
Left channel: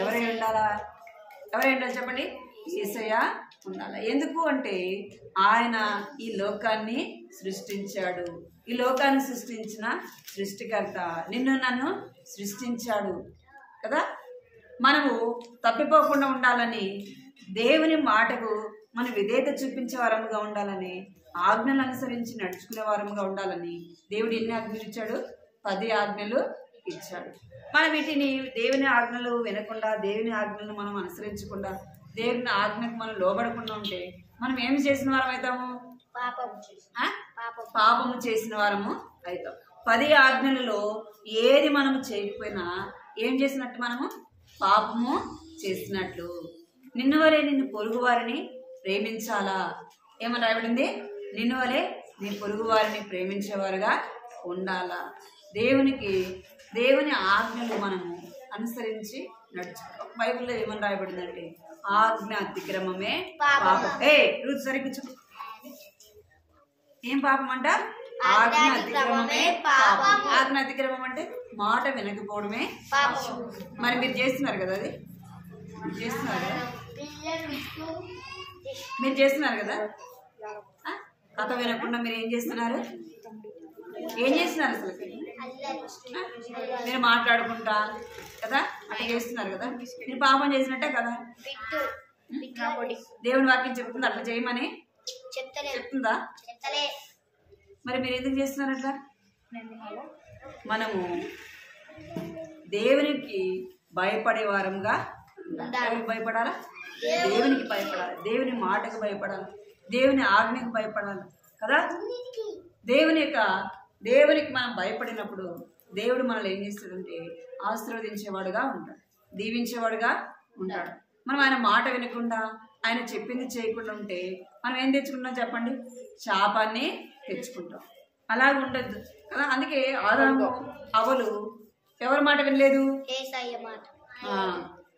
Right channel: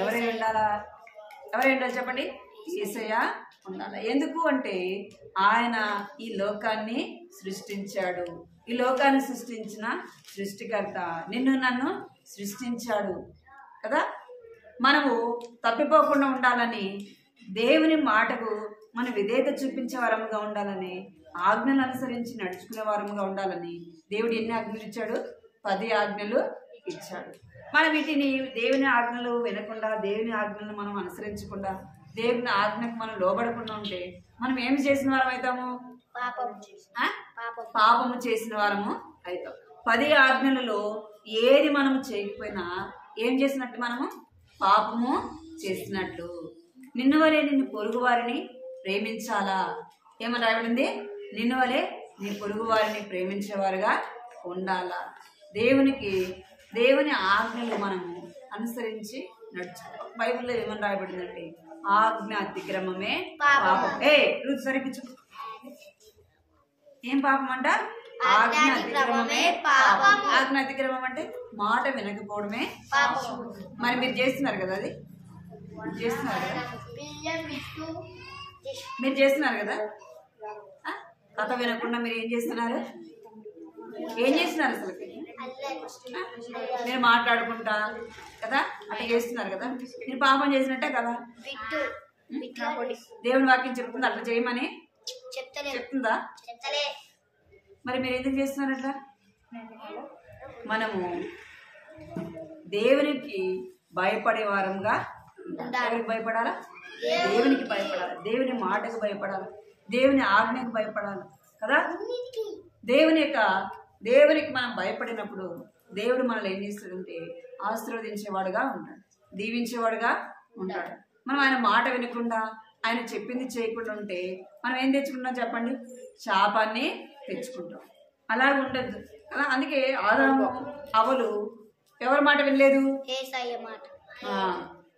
ఎవరై ఉండాలా? ఎవరై ఉండాలి చెప్పండి? యేసయ్య ఉండాలి. ఎందుకు అంటే ఆయన ఈ లోకాన్ని సృష్టించాడు. ఈ లోకాన్ని సృష్టించిన సృష్టికర్త నిన్ను నన్ను సృష్టించాడు కదా. మనము తప్పిపోకుండా ఉండాలని, దేవుని మాటకు మన విధేయత చూపించే వారముగా ఉండాలని, ఆజ్ఞలు అనుసరించి నడుచుకునే వారముగా ఉండాలని దేవుడు ఎన్ని ఆజ్ఞలు ఇచ్చాడు? 10 ఆజ్ఞలు ఇచ్చాడు. మనం వీటిని దేవుని ఆజ్ఞలు వినకుండా, దేవుని ఆజ్ఞలను మనం అనుసరించకుండా, దేవుని ఆజ్ఞకు మనం లోబడకుండా ఉంటే మనం ఏమి చేసిన వారం అవుతాము? పాపము చేసిన వారము అవుతాం. 10 ఆజ్ఞలలో ఏది మనము చేయకపోయినా ఏం చేసినట్టు? మనము పాపము చేసినట్లు. నిన్ను వలె నిన్ను పొరుగు వారిని ప్రేమించాలా. ఏమని రాయబడింది? నిన్ను వలె నీ పొరుగు వారిని ప్రేమించేవారుగా ఉండాలా. దేవుని ఆజ్ఞలు మనము అనుసరించి నడుచుకోవాలి. బైబిల్లో ఏమని రాయబడిందంటే ఆజ్ఞ అతిక్రమమే పాపం. రుచి సరిపించు. ఏం పాపం అంట? ఆజ్ఞ అతిక్రమమే పాపం. ఆజ్ఞ అతిక్రమం అంటే మాట వినకపోవడమే పాపం. మరి మీరు చేస్తున్నారు కదా, అది చేస్తున్నారు కదా, మీరు చేస్తున్నారు కదా. కథ వినకుండా మీరు ఏం చేస్తున్నారు? ఏం చేస్తున్నారు అసలు? మీరు మాట్లాడుకుంటా కదా అట్లా చేస్తున్నారు కదా. మీరు పాపం చేసినట్టే కదా. దేవుని వాక్యం చెప్తుంది అట్లా చేయమని చెప్తుందా? మరి మీరు ఎందుకు చేస్తున్నారు అట్లా? మనము దేవునికి భయపడే వారంగా ఎవరికి భయపడాలా? దేవునికి భయపడాలి. దేవుని మాటకు భయపడాలి. దేవుని ఆజ్ఞకు భయపడాలి కదా. దేవునికి మనం భయపడినప్పుడు దేవుడు మనల్ని ఏం చేస్తాడంటే ఆశీర్వదించేవాడుగా ఉంటాడు, దీవించేవాడుగా ఉంటాడు. మనం ఆయన మాట వినకుండా, ఆయన చెప్పింది చేయకుండా ఉంటే మనం ఏం తెచ్చుకుంటాం చెప్పండి? శాపాన్ని తెచ్చుకుంటాం. అలాగ ఉండద్దు కదా. అందుకే ఆదాము అవలు ఎవరి మాట వినలేదు?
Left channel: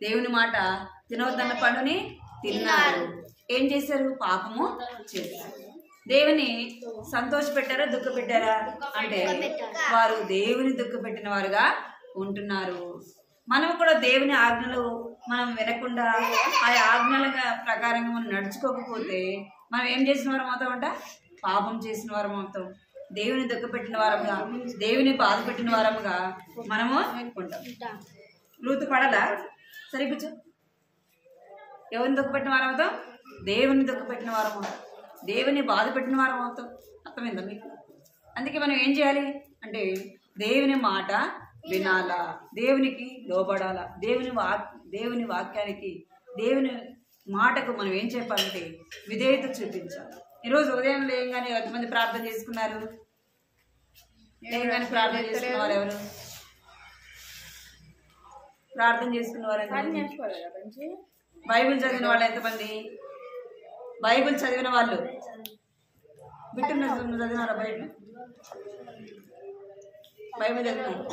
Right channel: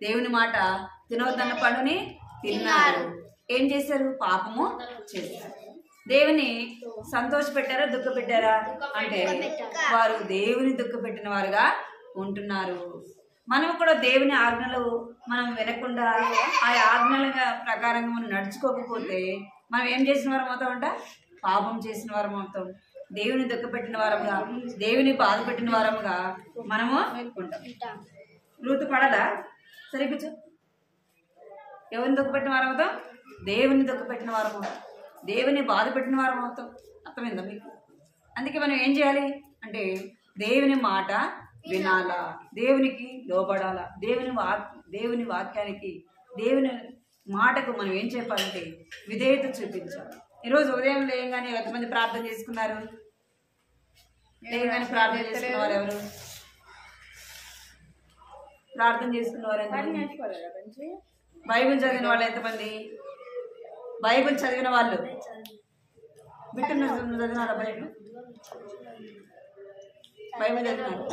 దేవుని మాట తినవద్దన్న పండుని తిన్నారు. ఏం చేశారు? పాపము చేశారు. దేవుని సంతోష పెట్టారా, దుఃఖ పెట్టారా అంటే వారు దేవుని దుఃఖ పెట్టిన వారుగా ఉంటున్నారు. మనం కూడా దేవుని ఆజ్ఞలు మనం వినకుండా ఆ ఆజ్ఞల ప్రకారంగా మనం నడుచుకోకపోతే మనం ఏం చేసిన వారం అవుతామంట? పాపం చేసిన వారం అవుతాం. దేవుని దుఃఖ పెట్టిన వారముగా, దేవుని బాధ పెట్టిన వారముగా మనము ఉంటాం. రూతు పడదా? సరిపించు. ఎవరిని దుఃఖ పెట్టిన వారం అవుతాం? దేవుని దుఃఖ పెట్టిన వారం అవుతాం. దేవుని బాధ పెట్టిన వారం అవుతాం. అర్థమైందా మీకు? అందుకే మనం ఏం చేయాలి అంటే దేవుని మాట వినాలా, దేవునికి లోబడాలా, దేవుని వాక్యానికి, దేవుని మాటకు మనం ఏం చెప్పాలంటే విధేయత చూపించాలి. ఈరోజు ఉదయం లేయంగానే ఎంతమంది ప్రార్థన చేసుకున్నారు? లేయంగానే ప్రార్థన చేసుకున్నవారు ఎవరు? ప్రార్థన చేసుకున్నవారు ఎంతమంది? బైబిల్ చదివిన వాళ్ళు ఎంతమంది? బైబిల్ చదివిన వాళ్ళు బిట్టున్నారు. చదివినారా బైబిల్? బైబిల్ చదివినారు?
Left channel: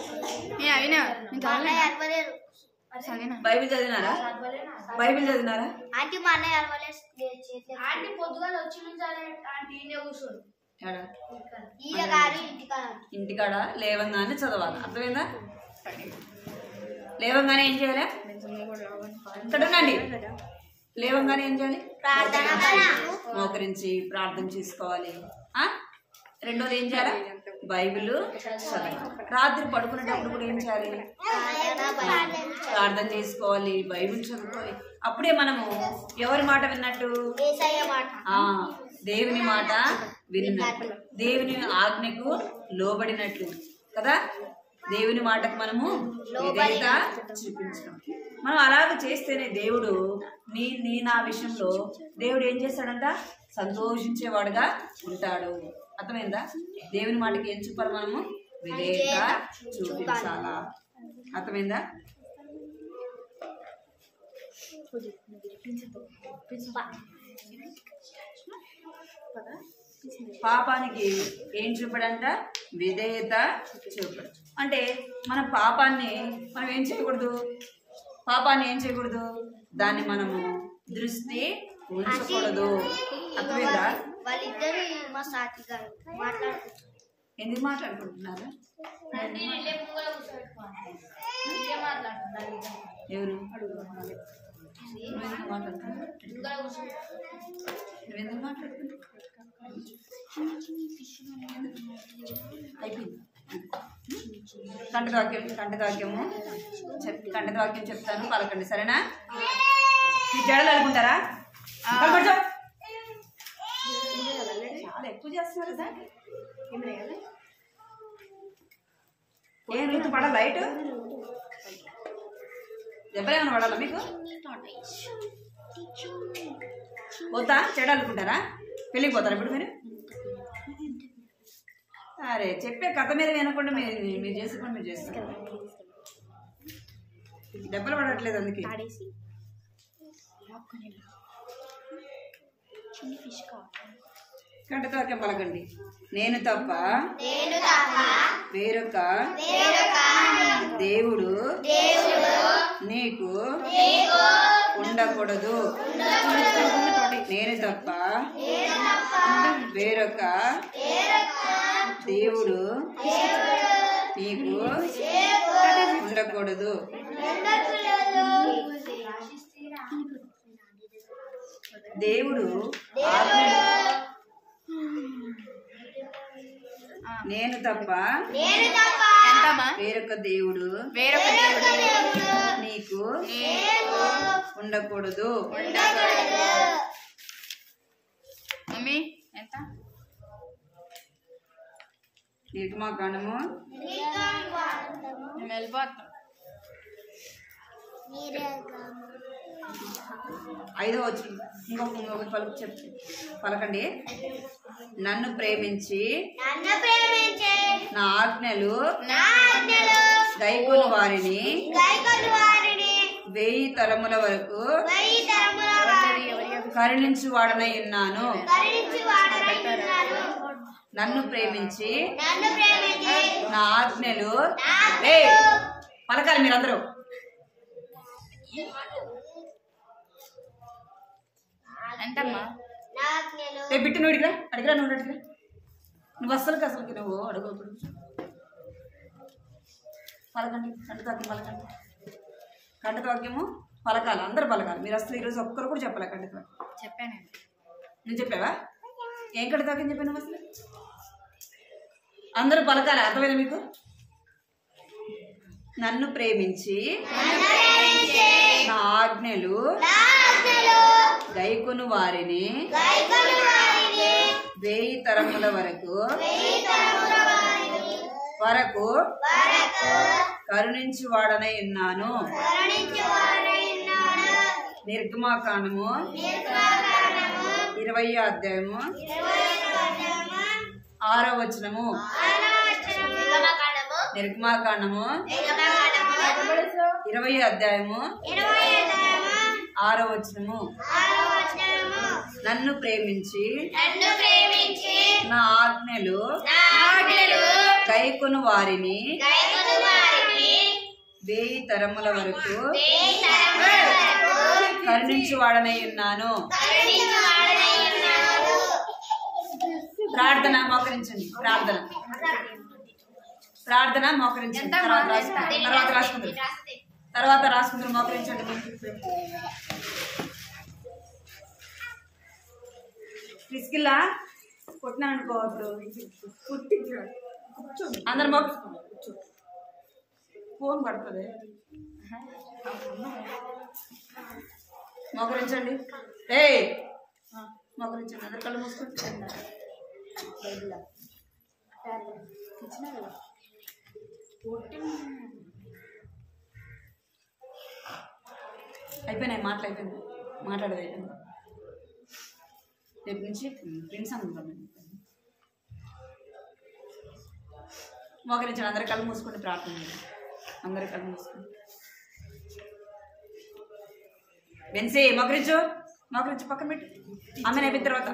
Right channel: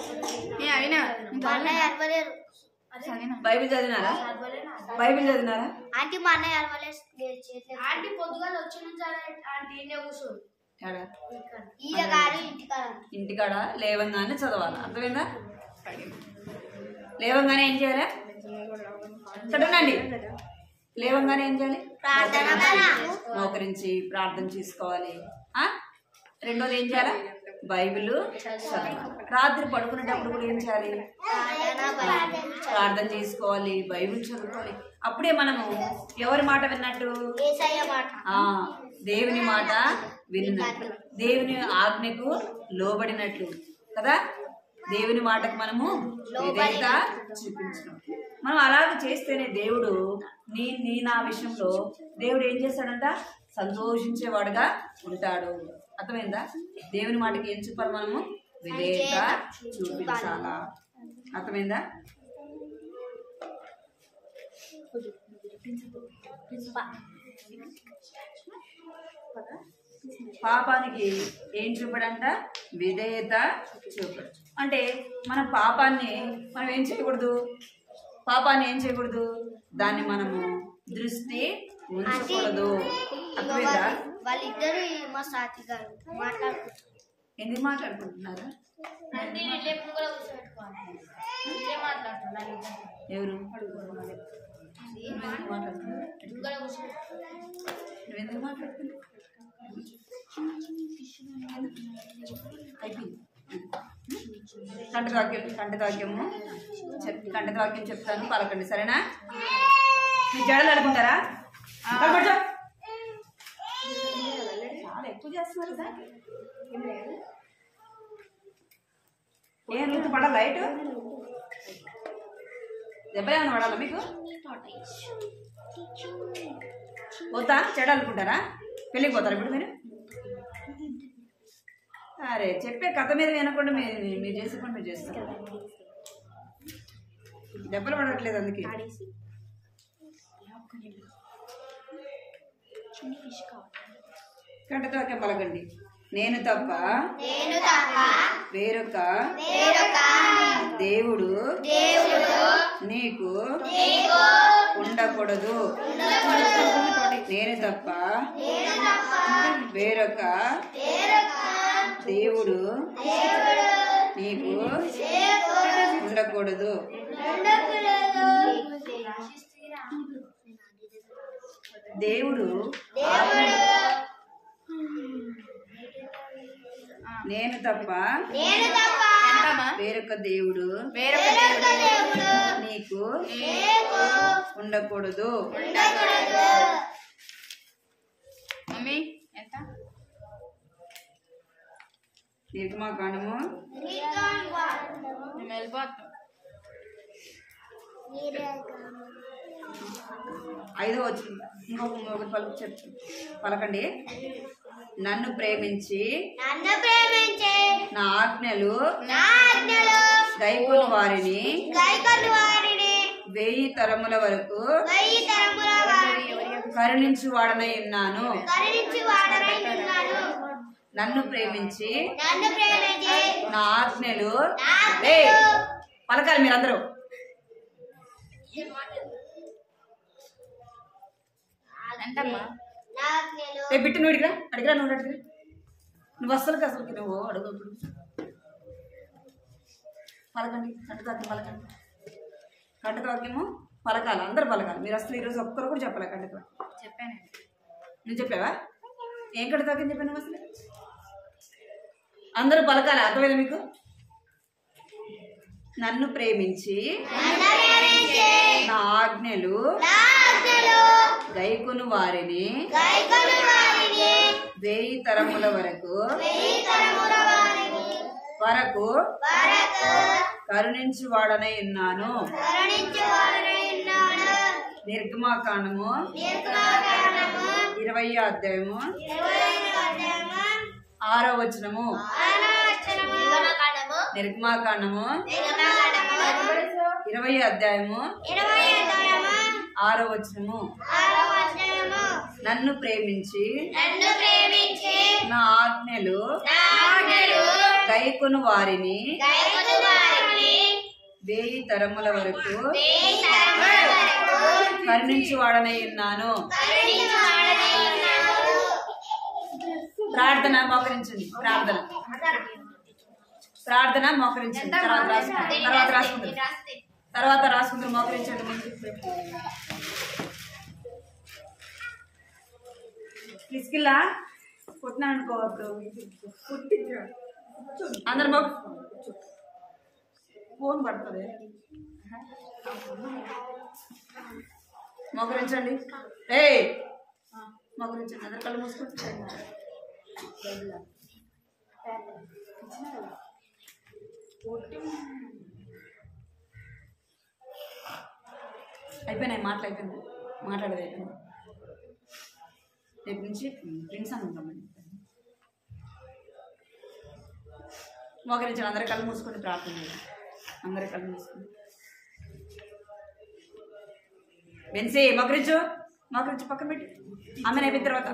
బైబిల్ చదివినారా? బైబిల్ చదివినారా? ఇంటికాడ లేవంగానే చదవాలి. అర్థమైందా? లేవంగానే ఏం చేయాలి? చదవండి. లేవంగానే ఏం చేయాలి? మోకరించి ప్రార్థన చేసుకోవాలి. రెండోది ఏం చేయాలి? బైబిల్ చదవాలి. రాత్రి పడుకునేటప్పుడు కూడా ఏం చేయాలి? ప్రార్థన చేసుకోవాలి, బైబిల్ చదువుకోవాలి. అప్పుడే మనము ఎవరి మాట విన్నట్టు? దేవుని మాట విన్నట్టు, దేవుని ఆజ్ఞకు లోబడినట్లు కదా. దేవుని మాటకు మనము విధేయత చూపించడం. మనం అలాగ చేస్తేనే దేవుడు నీ నా విషయంలో దేవుడు ఏం చేస్తాడంట? సంతోషించేవాడుగా ఉంటాడు. అర్థమైందా? దేవుని మాటకి ఏం చూపాలి? మనము విధేయత చూపించాలా. అర్థమైందా? పాపానికి ఏం చూపడంట? విధేయత చూపడు. అంటే మన పాపాన్ని మనం ఏం చేయకూడదు? పాపాన్ని ఏం చేయకూడదు? దాన్ని మనము దృష్టి ఉంచకూడదు. అర్థమైందా? వాళ్ళిద్దరు మా సాటి గారు ఎందుకు మాట్లాడుకుంటున్నారా? ఎవరు? నువ్వెందుకు మాట్లాడుతున్నావు? నువ్వెందుకు మాట్లాడుతున్నావు? అయిపోయింది. కంఠత వాక్యం చెప్తాను, పలకండి. సరేనా? మీరు జడలు అడుకుంటారా? చాలా ఎక్కువ చేస్తున్నారు సార్. ఏం ఋతు పడాలా? లైట్ దెబ్బలేమన్నా పడాలా మీకు? పోతా చెడ అనుకుంటారా? పెళ్ళికి పోతారా ఇప్పుడు మీరు? అరే చెప్పే కథ మీద వినకుండా మీరు చేసే పని మీరు చేస్తారు. దెబ్బలు పడట్లేదు అందుకే. కంటతో పలకండి. నేను తప్ప వేరొక దేవుడు నీకు ఉండకూడదు. నేను తప్ప వేరొక దేవుడు నీకు ఉండకూడదు. దేవుడు నేను తప్ప వేరొక దేవుడు నీకు ఉండకూడదు. నిర్గమాకాండము 5వ వచనం ఇంకొక పలుకు పలకండి. నన్ను ప్రేమించి నా ఆజ్ఞలు గైకొను వారిని 1000 తరముల వరకు కరుణించువాడనై ఉన్నాను. నన్ను ప్రేమించి నా ఆజ్ఞలు పలకాలి మీరందరూ. బిట్టు నువ్వు అడిగిరా నువ్వు అడిగిరా. నువ్వు అసలుకి నువ్వు అడుగు. ఇప్పుడు పలకండి. కంటవాక్యం పలకండి. కంటవాక్యము పలకాలి, అందరు పలకాలి. మీరు అసలు ఈరోజు ఒక్కరు కూడా చెప్పాలి కంటవాక్యం. చెప్పాను. నువ్వు చెప్పావా? ఏం కంటవాక్యం చెప్పాను నువ్వు? అసలు అందరూ పలకాలి. అర్థమైందా మీకు? నన్ను ప్రేమించి నా ఆజ్ఞలు గైకొను వారిని 1000 తరముల వరకు కరుణించువాడనై ఉన్నాను. నిర్గమాకాండము 20వ అధ్యాయము 6వ వచనము. నిర్గమాకాండము 20వ అధ్యాయము 6వ వచనము. నన్ను ప్రేమించి నా ఆజ్ఞలు గైకొను వారిని 1000 తరముల వరకు కరుణించువాడనై ఉన్నాను. ప్రార్థన మోకరించండి. ప్రార్థన మోకరించండి. తర్వాత రాసుకుంటారు. మోకరించండి. ముందు పిసికిల్లా కొట్టినా అనుకో. అప్పుడు అందరు ఫోన్ పడుతుంది. మోకరించండి. మోకరించండి. అందరు కళ్ళు మూసుకుంటే అయిపోయినాయి. మాటలు అయిపోయింది. మాట్లాడేది అయిపోయింది. రేపు నుంచి ఫ్రెండ్స్ అనుకుంటామని మోకరించండి. అందరు కళ్ళు మూసుకొని ప్రార్థన చేయండి. అందరు కళ్ళు మూసుకొని బెన్సీ మోకరించు. మోకరించి పక్కన పెట్టి ఆమెను అయిపోయిన తర్వాత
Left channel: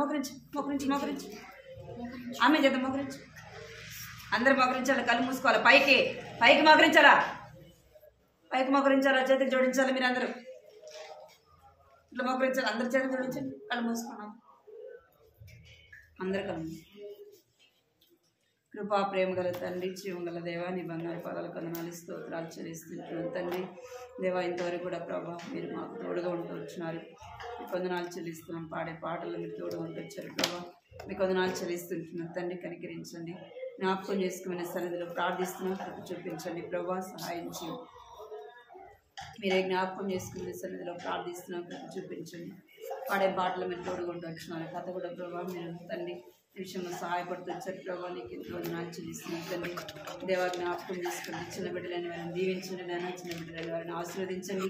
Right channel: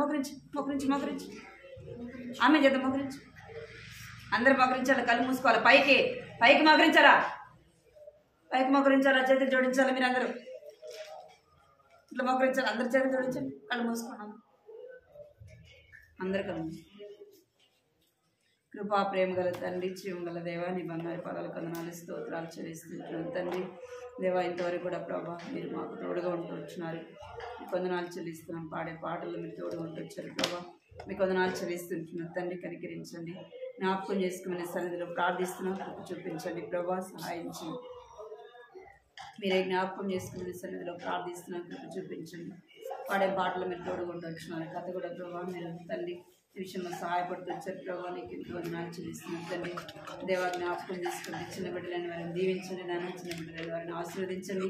మోకరించి ఆమె చేద్దాం. మోకరించు. అందరు మోకరించాలి. కళ్ళు మూసుకోవాలి. పైకి మోకరించాలా? చేతులు జోడించాలి. మీరు అందరూ ఇట్లా మోకరించాలి. అందరు చేతులు జోడించండి. కళ్ళు మూసుకున్నాం. అందరు కళ్ళు మూసుకున్నాం. కృపా ప్రేమ గల తండ్రి, జీవం గల దేవా, నీ బంగారు పాదాల కొందనాలు స్తోత్రాలు చెల్లిస్తున్నాను తండ్రి. దేవా, ఇంతవరకు కూడా ప్రభా మీరు మాకు తోడుగా ఉంటూ వచ్చినారు. మీ కొందనాలు చెల్లిస్తున్నాం. పాడే పాటలు మీరు తోడుగా ఉంటూ వచ్చారు ప్రభా. మీ కొందనాలు చెల్లిస్తుంటున్నాం తండ్రి. కనికరించండి. జ్ఞాపకం చేసుకునే సన్నిధిలో ప్రార్థిస్తున్నాం. కృప చూపించండి ప్రభా. సహాయం చేయండి. మీరే జ్ఞాపకం చేసుకునే సన్నిధిలో ప్రార్థిస్తున్నాం. కృప చూపించండి. పాడే పాటలు మీరు తోడుగా ఉంటూ వచ్చినారు. కథ కూడా ప్రభా మీరు తండ్రి ఈ విషయంలో సహాయపడుతూ వచ్చారు ప్రభావ. నీకు ఎంతో వందనాలు చెల్లిస్తున్నాను తండ్రి. దేవా, జ్ఞాపకం చేసుకోండి. చిన్న బిడ్డలైన వారిని దీవించండి నాన్న. చిన్న బిడ్డలైన వారిని ఆశీర్వదించండి.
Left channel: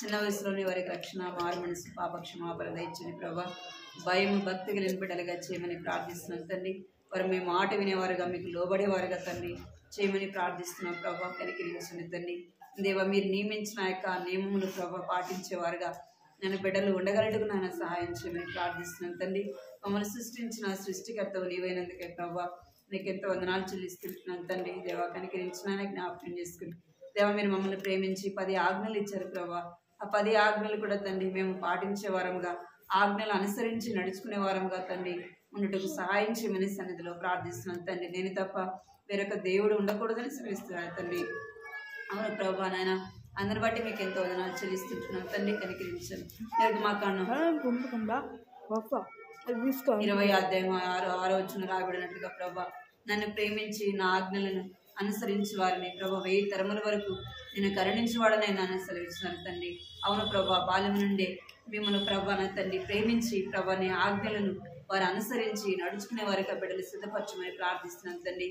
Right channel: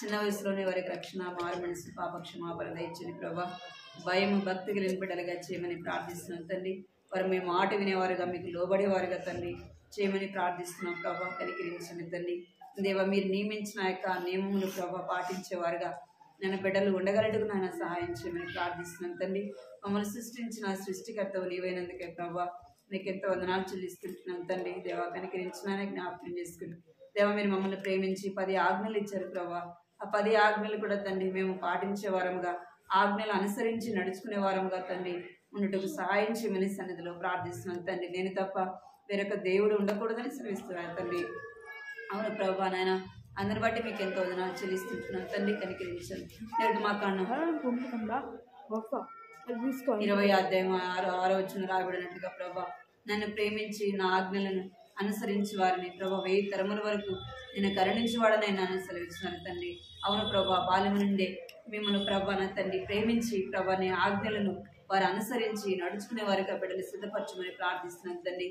చిన్న వయసులోనే వారికి రక్షణ, మారు మనసు, పాప క్షమాపణ దయచండి ప్రభా. భయం, భక్తి కలిగిన బిడ్డలుగా చేయమని ప్రార్థిస్తున్నాను తండ్రి. వారు మీ మాట వినేవారుగా, మీకు లోబడేవారుగా తండ్రి చేయమని ప్రార్థిస్తున్నాం ప్రభా. కనికరించండి తండ్రి. దేవా, మీరు నియమించిన యొక్క నియమములు ప్రభా పాటించేవారుగా నేను బిడ్డలు ఉండగలటుకు నాయన సహాయం చేయమని ప్రార్థిస్తున్నాను తండ్రి. మమ్మల్ని సృష్టించిన సృష్టికర్తవు నీవైనందుకే ప్రభా నీకు ఎంతో వందనాలు చెల్లిస్తుంటున్నాను తండ్రి. దేవా, కనికరించినానే జ్ఞాపకం చేసుకుని దేవా, మీరు మమ్మల్ని ప్రేమించి 10 ఆజ్ఞలు ఇచ్చారు ప్రభా. ఆ 10 ఆజ్ఞలు కూడా తండ్రి మేము పాటించే వారముగా, ఆజ్ఞలు అనుసరించి నడుచుకునే వారముగా తండ్రి ఉన్నట్టుకు సహాయం చేయమని సన్నిధిలో ప్రార్థిస్తున్నాను తండ్రి. నేను తప్ప వేరొక దేవుడు ఉండకూడదని శ్రమిస్తున్నాను తండ్రి. అవును ప్రభా నాయన, అందరి బట్టి మీకు ఎంతో వందనాలు చెల్లిస్తుంటున్నాను తండ్రి. కనికరించండి. నిర్గమాకాండం 20వ అధ్యాయం 6వ వచనం రాయబడినట్లుగా ప్రభా, నన్ను ప్రేమించి నా ఆజ్ఞలను అనుసరించి వారిని ప్రభా 1000 తరముల వరకు నేను కరుణించేవాడని నన్ను సెలవిస్తున్నారు తండ్రి. అవును ప్రభా, బాల్యము నుండే మిమ్మల్ని ప్రభా నా తండ్రి ప్రేమించి ప్రభా నీ ఆజ్ఞలను వారు అనుసరించి నడుచుకునే వారికి బిడ్డలు సిద్ధపరచమని ప్రార్థిస్తున్నాను తండ్రి.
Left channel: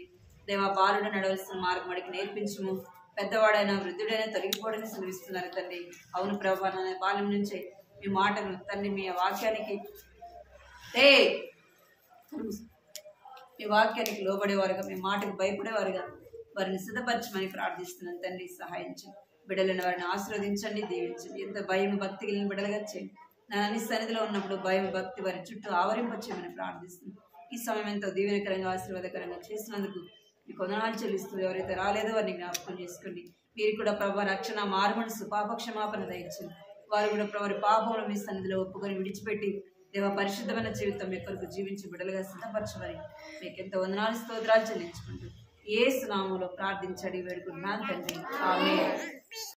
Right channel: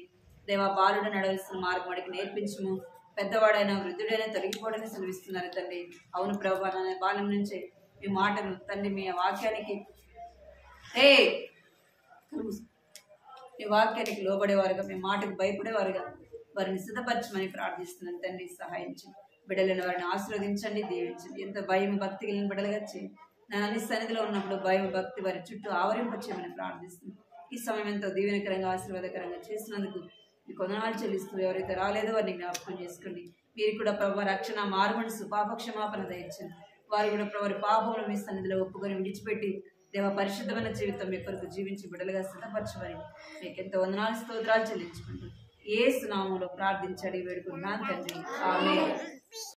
దేవా, బాలుడు నడవలసిన మార్గం వాడికి నేర్పించము, పెద్దవాడైనా వృద్ధుడైనా తొలగిపోవడని సెలవిస్తున్నారు తండ్రి. అవును ప్రభా, నా బాల్యం నుంచే మీ మాటను తండ్రి, మీ వాక్యానికి మీ వాక్యానికి లోబడేవారుగా, మీ మాటకు భయపడేవారుగా వారిని సిద్ధపరచమని ప్రార్థిస్తున్నాను తండ్రి. సహాయించి బిడ్డలైన వారిని ఆశీర్వదించండి, దీవించండి. ఎంత భయం భక్తి కలిగిన బిడ్డలుగా చేయండి. నా అన్ని సన్నిధిలో ఉన్నప్పుడు భయం భక్తి వారి చుట్టూ ఆవరింపచేయమని ప్రార్థిస్తున్నాను. ఈ సమయం ఎంతో దీవెనకరంగా ఆశీర్వాదకరంగా చేసినందుకు మీ కొందనాలు చెల్లిస్తూ ఎవరైతే రాలేదో వారిని జ్ఞాపకం చేసుకోండి. మీరు కూడా ప్రభు రక్షణ, మారుమనసు, పాప క్షమాపణ దయచండి. వారు కూడా వారి పాపములు మీ సన్నిధిలో ఒప్పుకొని విడిచిపెట్టి దేవ పరిశుద్ధమైన జీవితం మీ కొరకు జీవించి బిడ్డలుగా సిద్ధపరచమని మీకు ఎంతో వందనాలు స్తోత్రాలు చెల్లించుకుంటూ యేసు నామములో ప్రార్థించడి వేడుకుంటున్నాను తండ్రి. ఆమేన్.